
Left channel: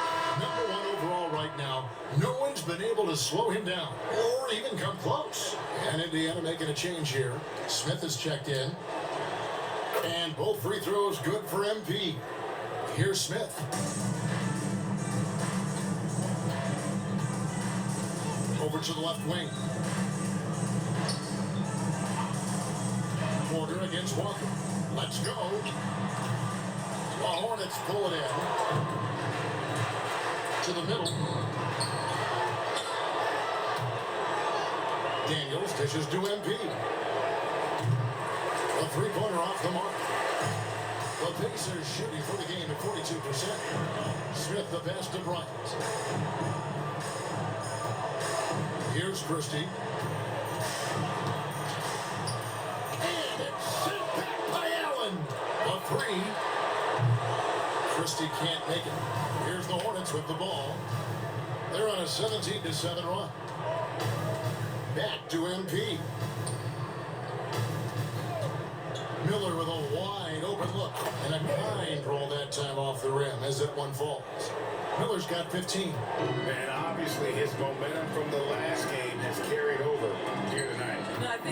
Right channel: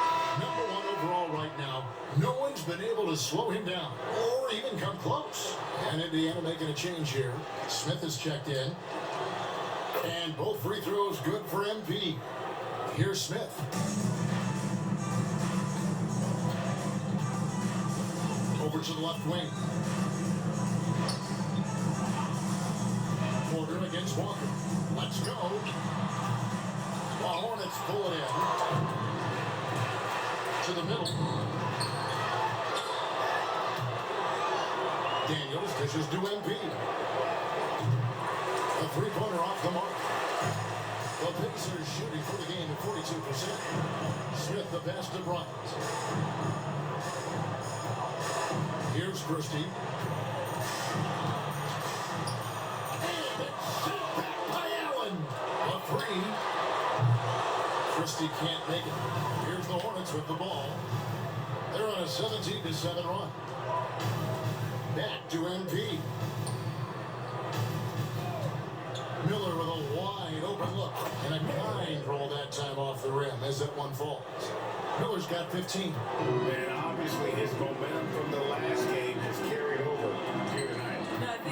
Number one overall right now. No one's been able to slow him down or even come close. And Indiana making a change here. Smith is checked in. And both free throws good for MP. Here's Smith. Over to the left wing. Porter against Walker. Let's go. The Hornets pull it in. To the middle. Daniels dishes to MP. The three-pointer off the mark. The Pacers shooting for the game at 42%. Smith the pass to Bryant. Here's Christie. And it's sent back by Allen. A three. Christie can't make it. Here's the Hornets with the ball. They're on a 17-7 run. Back to MP. Miller with a wide open look and a kind roll that time off the rim as that one falls. Miller's got 15. And obviously his momentum from the last game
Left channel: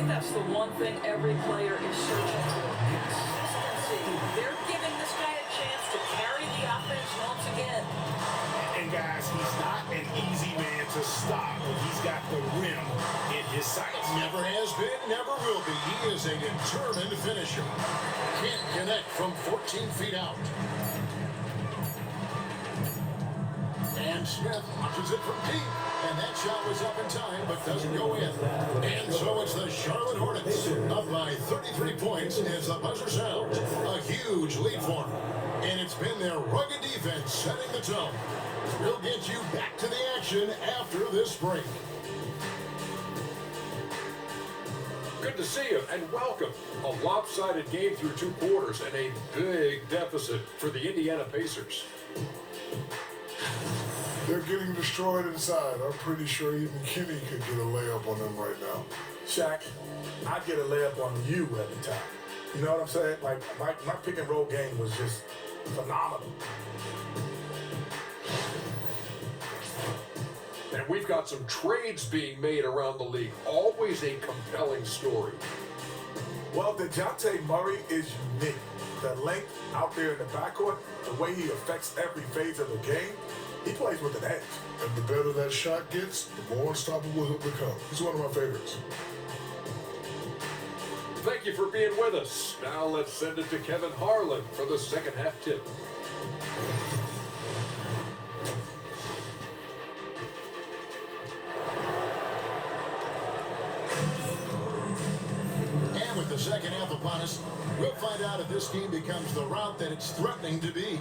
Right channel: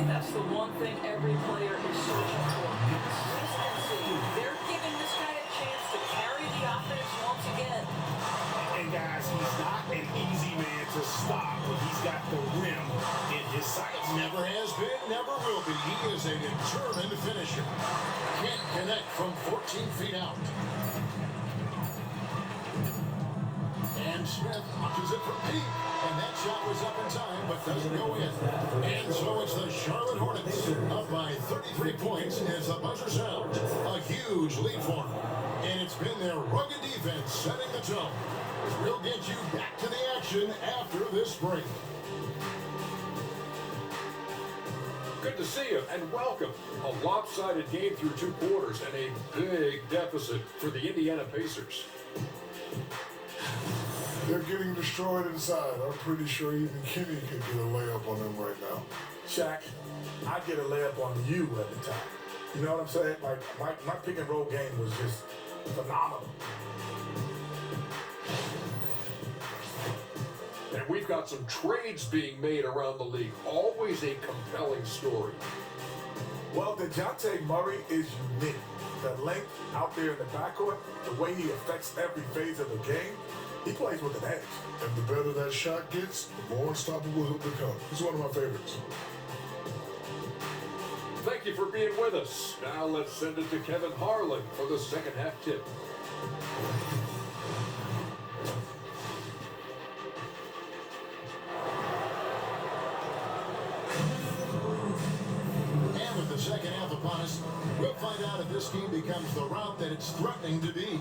that's the one thing every player is searching for. Consistency. They're giving this guy a chance to carry the offense once again. And guys, he's not an easy man to stop when he's got the rim in his sights. Never has been, never will be. He is a determined finisher. Can't connect from 14 feet out. And Smith launches it from deep. And that shot was up in time, but doesn't go in. And so it's the Charlotte Hornets up by 33 points as the buzzer sounds. A huge lead for them. And it's been their rugged defense setting the tone. We'll get you back to the action after this break. Good to see you, and welcome. A lopsided game through 2 quarters and a big deficit for the Indiana Pacers. They're getting destroyed inside. I'm pretty sure even Kenny could get a layup on them right now. Shaq, I get a layup on you every time. You know what I'm saying? Like, my pick and roll game was just phenomenal. And we've got some trades being made around the league. Always a compelling story. Well, DeJounte Murray is unique. The length out there in the backcourt, the way he affects every phase of the game, he plays with an edge. And the better that shot gets, the more unstoppable he'll become. He's one of my favorites. Thank you for being with us. Now let's send it to Kevin Harlan for the second half tip. And with the second half upon us, we'll find out if this team becomes the route that it's threatening to be.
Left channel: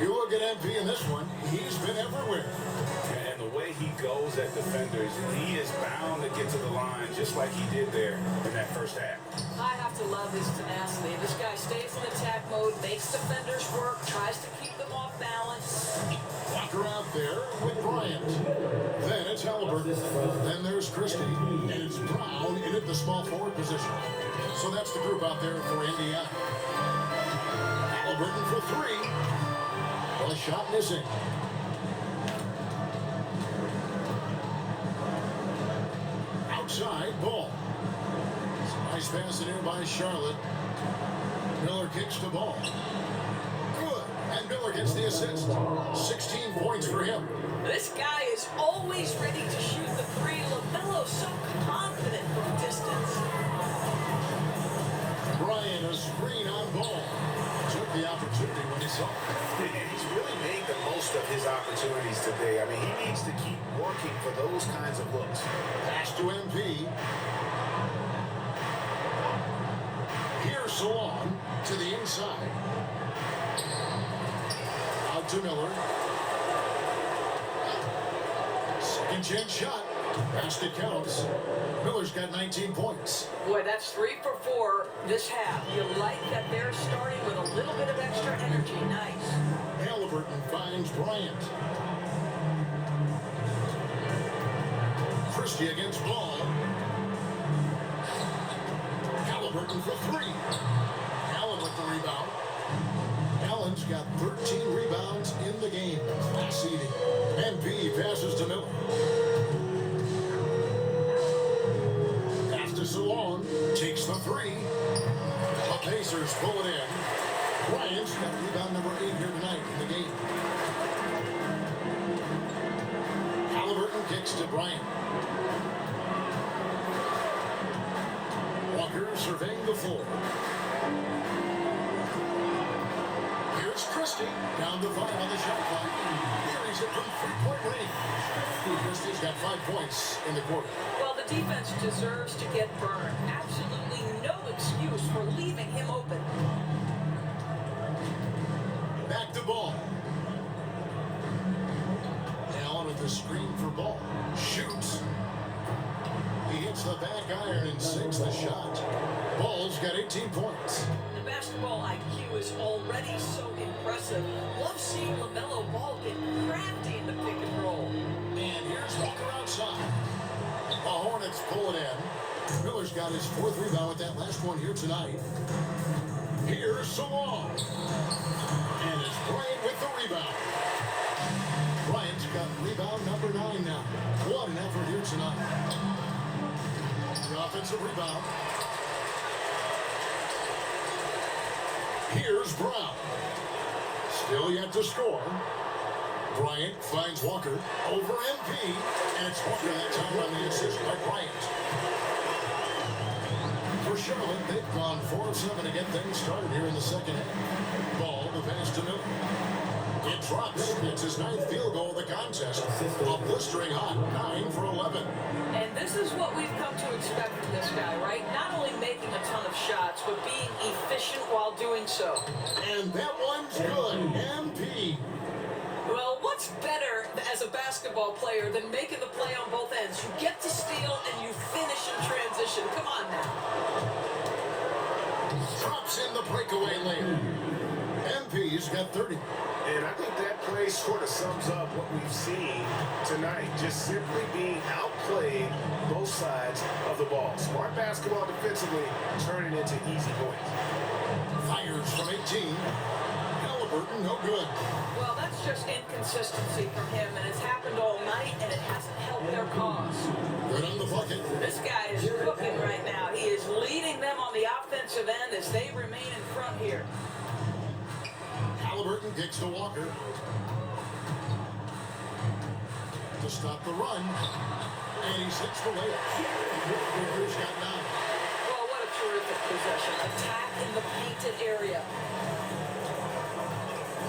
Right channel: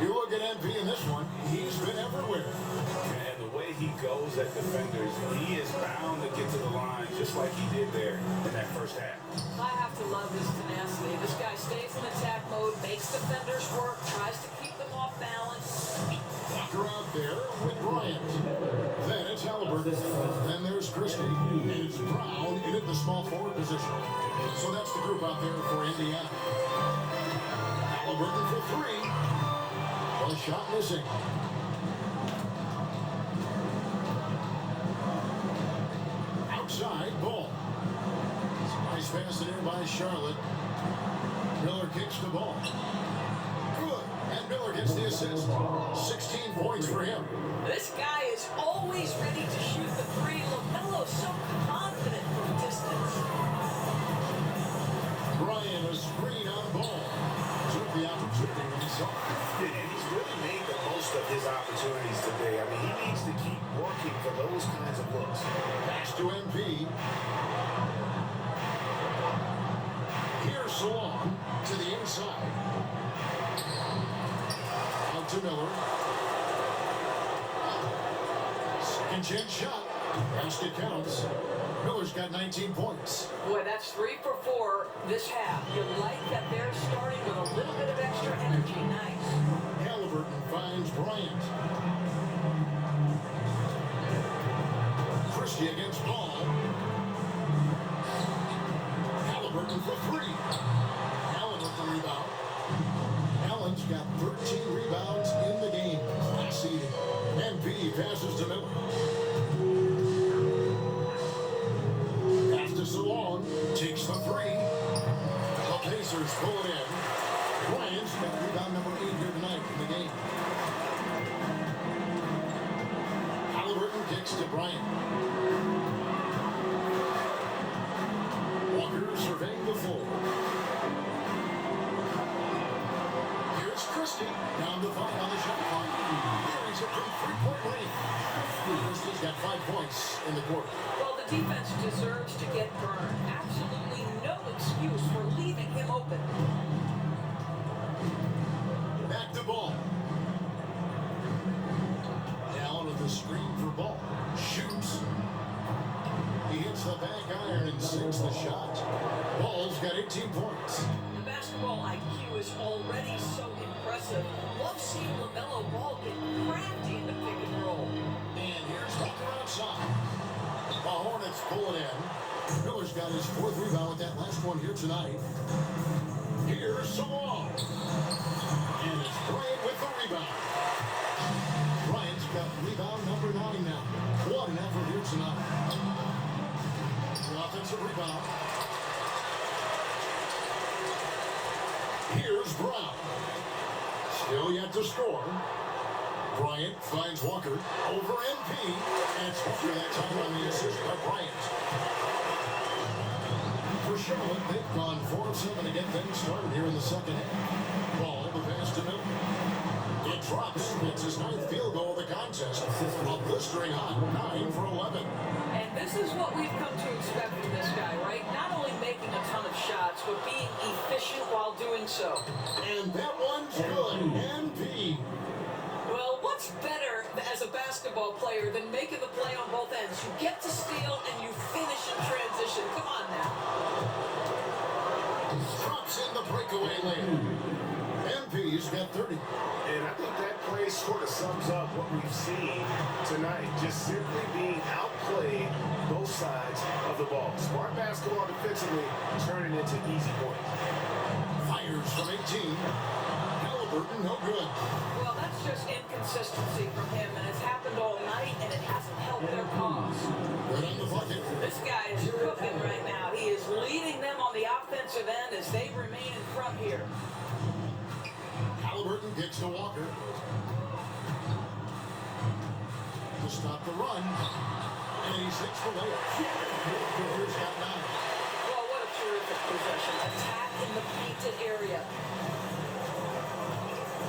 You look at MP in this one, he's been everywhere. And the way he goes at defenders, he is bound to get to the line just like he did there in that first half. I have to love his tenacity. This guy stays in attack mode, makes defenders work, tries to keep them off balance. Walker out there with Bryant. Then it's Halliburton. Then there's Christie. And it's Brown in at the small forward position. So that's the group out there for Indiana. Halliburton for 3. Well, a shot missing. Outside, ball. Nice pass in here by Charlotte. Miller kicks the ball. Good. And Miller gets the assist. 16 points for him. This guy is always ready to shoot the 3. LaMelo so confident from distance. Bryant, a screen on ball. Took the opportunity when he saw it. And he's really made the most of his opportunities today. I mean, he needs to keep working for those kinds of looks. Pass to MP. Here's Salon to the inside. Out to Miller. Second chance shot. Pass it counts. Miller's got 19 points. Boy, that's 3 for 4 this half. You like that they're starting with a little bit of extra energy. Nice. Halliburton finds Bryant. Christie against Ball. Halliburton for 3. Allen with the rebound. Allen's got 13 rebounds in the game. Class eating. MP passes to Miller. Pass to Salon. Takes the 3. The Pacers pull it in. Bryant's got rebound number 8 here tonight in the game. Halliburton kicks to Bryant. Walker surveying the floor. Here's Christie. Down to 5 on the shot clock. Buries it from 3-point range. Christie's got 5 points in the quarter. Well, the defense deserves to get burned. Absolutely no excuse for leaving him open. Back to Ball. Allen with the screen for Ball. Shoots. He hits the back iron and sinks the shot. Ball's got 18 points. The basketball IQ is already so impressive. Love seeing LaMelo Ball get crafty in the pick and roll. And here's Walker outside. The Hornets pull it in. Miller's got his 4th rebound with that last one here tonight. Here's Salon. And it's Bryant with the rebound. Bryant's got rebound number 9 now. What an effort here tonight. The offense offensive rebound. Here's Brown. Still yet to score. Bryant finds Walker over MP. And it's Walker that time on the assist by Bryant. For Charlotte, they've gone 4 of 7 to get things started here in the second half. Ball, the pass to Miller. It drops. It's his 9th field goal of the contest. A blistering hot 9 for 11. And this is what we've come to expect from this guy, right? Not only making a ton of shots, but being efficient while doing so. And that one's good. MP. Well, what's better as a basketball player than making the play on both ends? You get to steal and you finish in transition. Come on now. Drops in the breakaway lane. MP's got 30. And I think that play sort of sums up what we've seen tonight. Just simply being outplayed both sides of the ball. Smart basketball defensively turning into easy points. Fires from 18. Halliburton, no good. Well, that's just inconsistency from him, and it's happened all night, and it hasn't helped their cause. Good on the bucket. This guy is cooking right now. He is leading them on the offensive end as they remain in front here. Halliburton kicks to Walker. To stop the run. And he sinks the layup. Walker's got 9. Well, what a terrific possession. Attack in the painted area.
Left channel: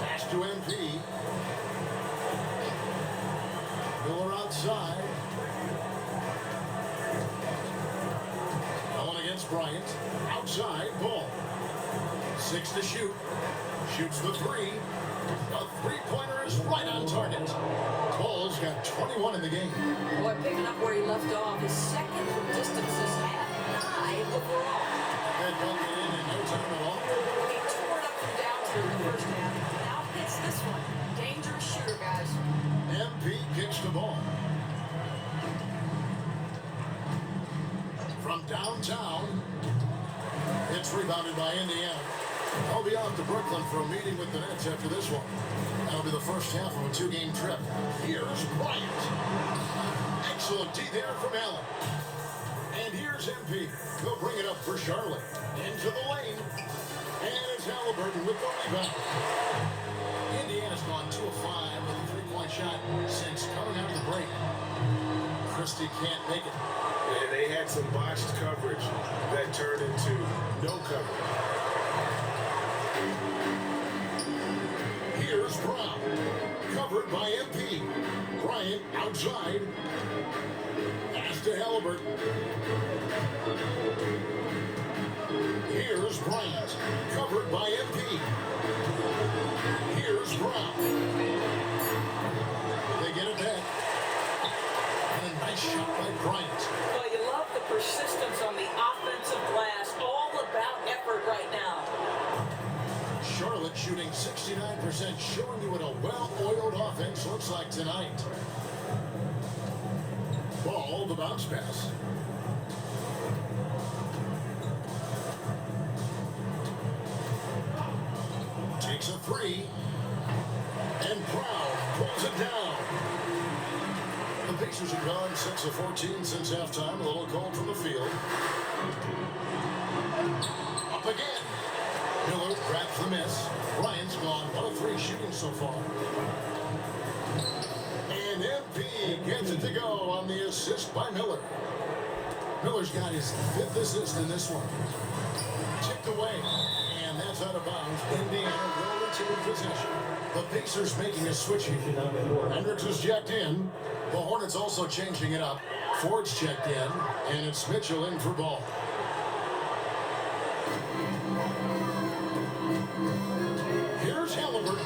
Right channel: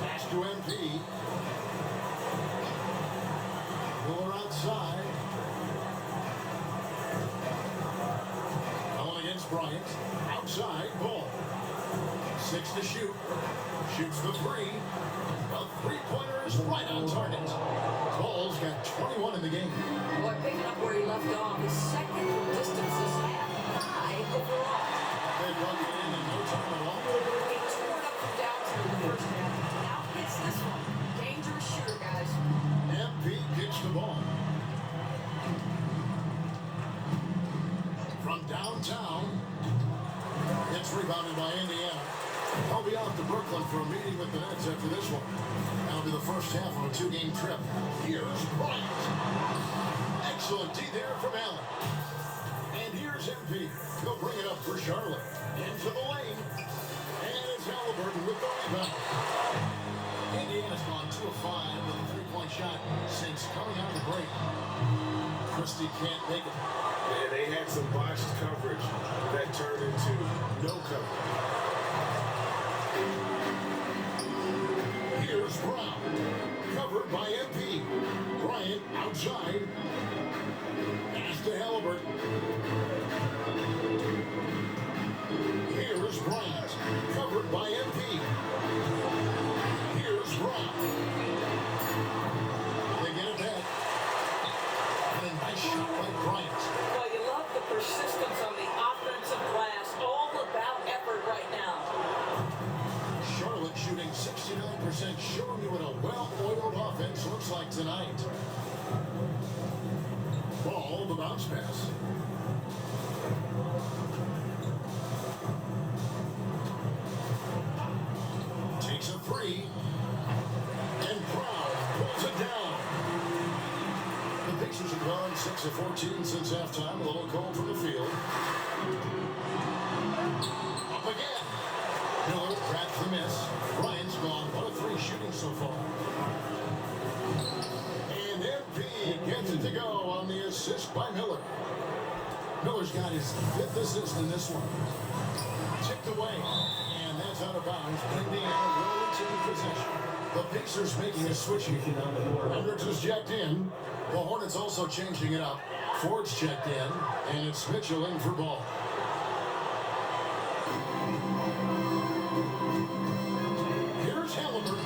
Pass to MP. Miller outside. Going against Bryant. Outside, ball. 6 to shoot. Shoots the 3. The three-pointer is right on target. Ball's got 21 in the game. Boy, picking up where he left off. His second from distance this half. 5 overall. They brought it in no time at all. He tore it up from downtown in the first half. Now hits this one. Dangerous shooter, guys. MP kicks the ball. From downtown, it's rebounded by Indiana. I'll be off to Brooklyn for a meeting with the Nets after this one. That'll be the first half of a 2-game trip. Here's Bryant. Excellent D there from Allen. And here's MP. He'll bring it up for Charlotte. Into the lane. And it's Halliburton with the rebound. Indiana's gone 2 of 5 with a 3-point shot since coming out of the break. Christie can't make it. Yeah, they had some botched coverage that turned into no coverage. Here's Brown. Covered by MP. Bryant outside. Pass to Halliburton. Here's Bryant. Covered by MP. Here's Brown. They get it back. And a nice shot by Bryant. Well, you love the persistence on the offensive glass. All about effort right now. Charlotte shooting 69%, showing you what a well-oiled offense looks like tonight. Ball, the bounce pass. Takes a 3. And Brown pulls it down. The Pacers have gone 6 of 14 since halftime. A little cold from the field. Up again. Miller grabs the miss. Bryant's gone 1 of 3 shooting so far. And MP gets it to go on the assist by Miller. Miller's got his 5th assist in this one. Chipped away. And that's out of bounds. Indiana will retain possession. The Pacers making a switch here. Hendricks is checked in. The Hornets also changing it up. Ford's checked in. And it's Mitchell in for ball. Here's Halliburton.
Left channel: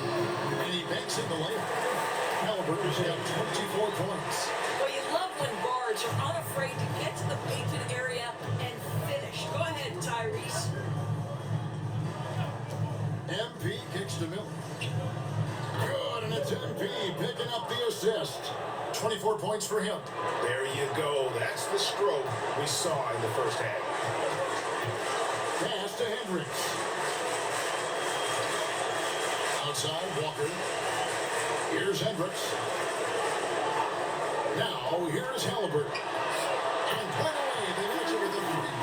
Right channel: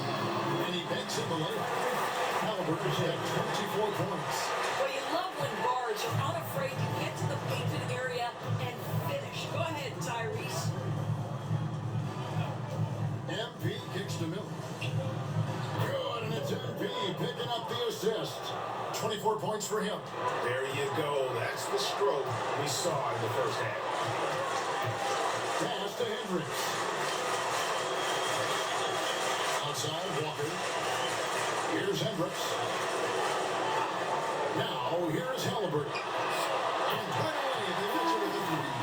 And he banks in the layup. Halliburton's got 24 points. Well, you love when guards are unafraid to get to the painted area and finish. Go ahead, Tyrese. MP kicks to Miller. Good, and it's MP picking up the assist. 24 points for him. There you go. That's the stroke we saw in the first half. Pass to Hendricks. Outside, Walker. Here's Hendricks. Now, here's Halliburton. And right away, they answer with a 3.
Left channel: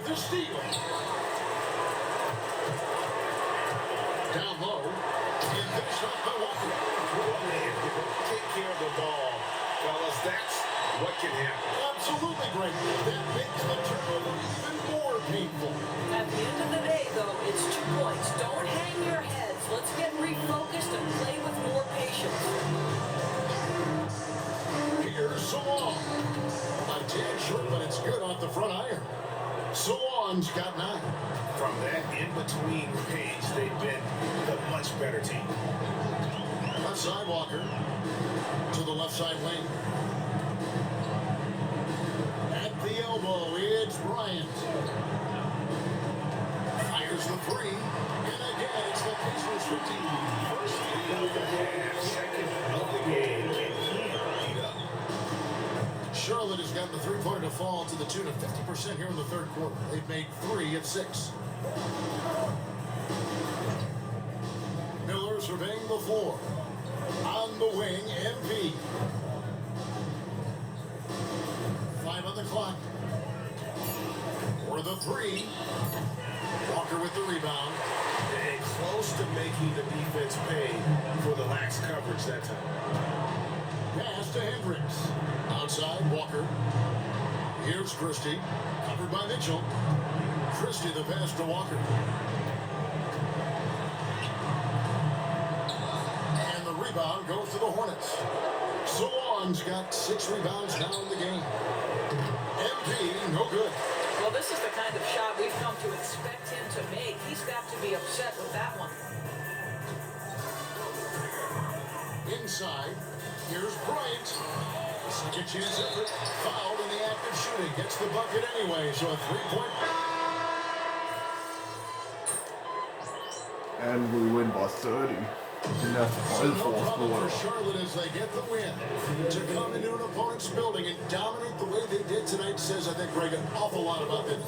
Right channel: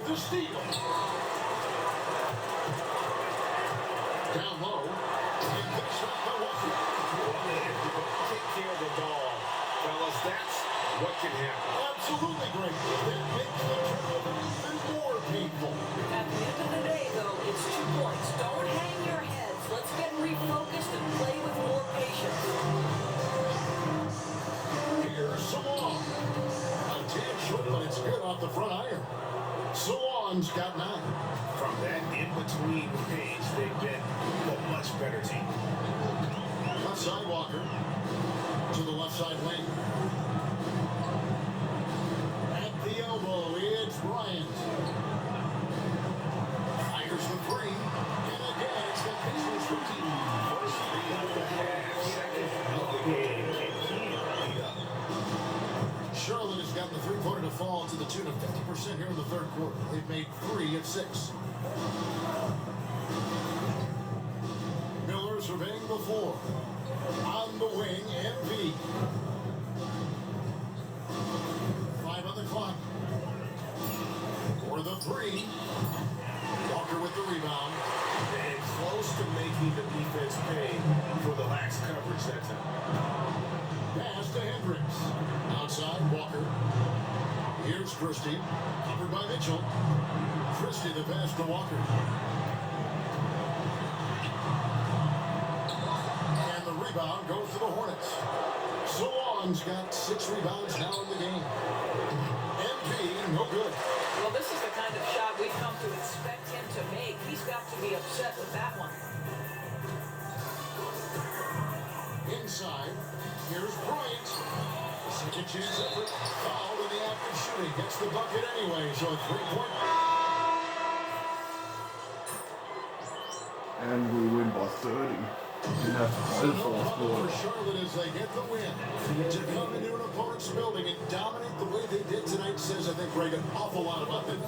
with the steal. Down low. And finished off by Walker. Well, if you don't take care of the ball, fellas, that's what can happen. Absolutely great. That makes the turnover even more painful. At the end of the day, though, it's 2 points. Don't hang your heads. Let's get refocused and play with more patience. Here's Salon. A tad short, but it's good off the front iron. Salon's got 9. From that in-between range, they've been the much better team. Outside Walker to the left side lane. At the elbow, it's Bryant. Fires the 3. And again, it's the Pacers routine. First lead of the half, second of the game. Can he beat up? Charlotte has got the three-pointer to fall to the tune of 50% here in the third quarter. They've made 3 at 6. Miller surveying the floor. On the wing, MP. 5 on the clock. For the 3. Walker with the rebound. And close to making the defense pay for the lax coverage that time. Pass to Hendricks. Outside, Walker. Here's Christie. Covered by Mitchell. Christie the pass to Walker. And the rebound goes to the Hornets. Salon's got 6 rebounds now in the game. MP, no good. Well, this is the kind of shot we've come to expect him to make. He's got to be upset with that one. Inside, here's Bryant. Second chance effort, fouled in the act of shooting. Gets the bucket anyway, so a 3-point. And we win by 30. Didn't have to So play no for us, problem but for Charlotte as they get the win. To come into an opponent's building and dominate the way they did tonight says, I think, Greg, an awful lot about them.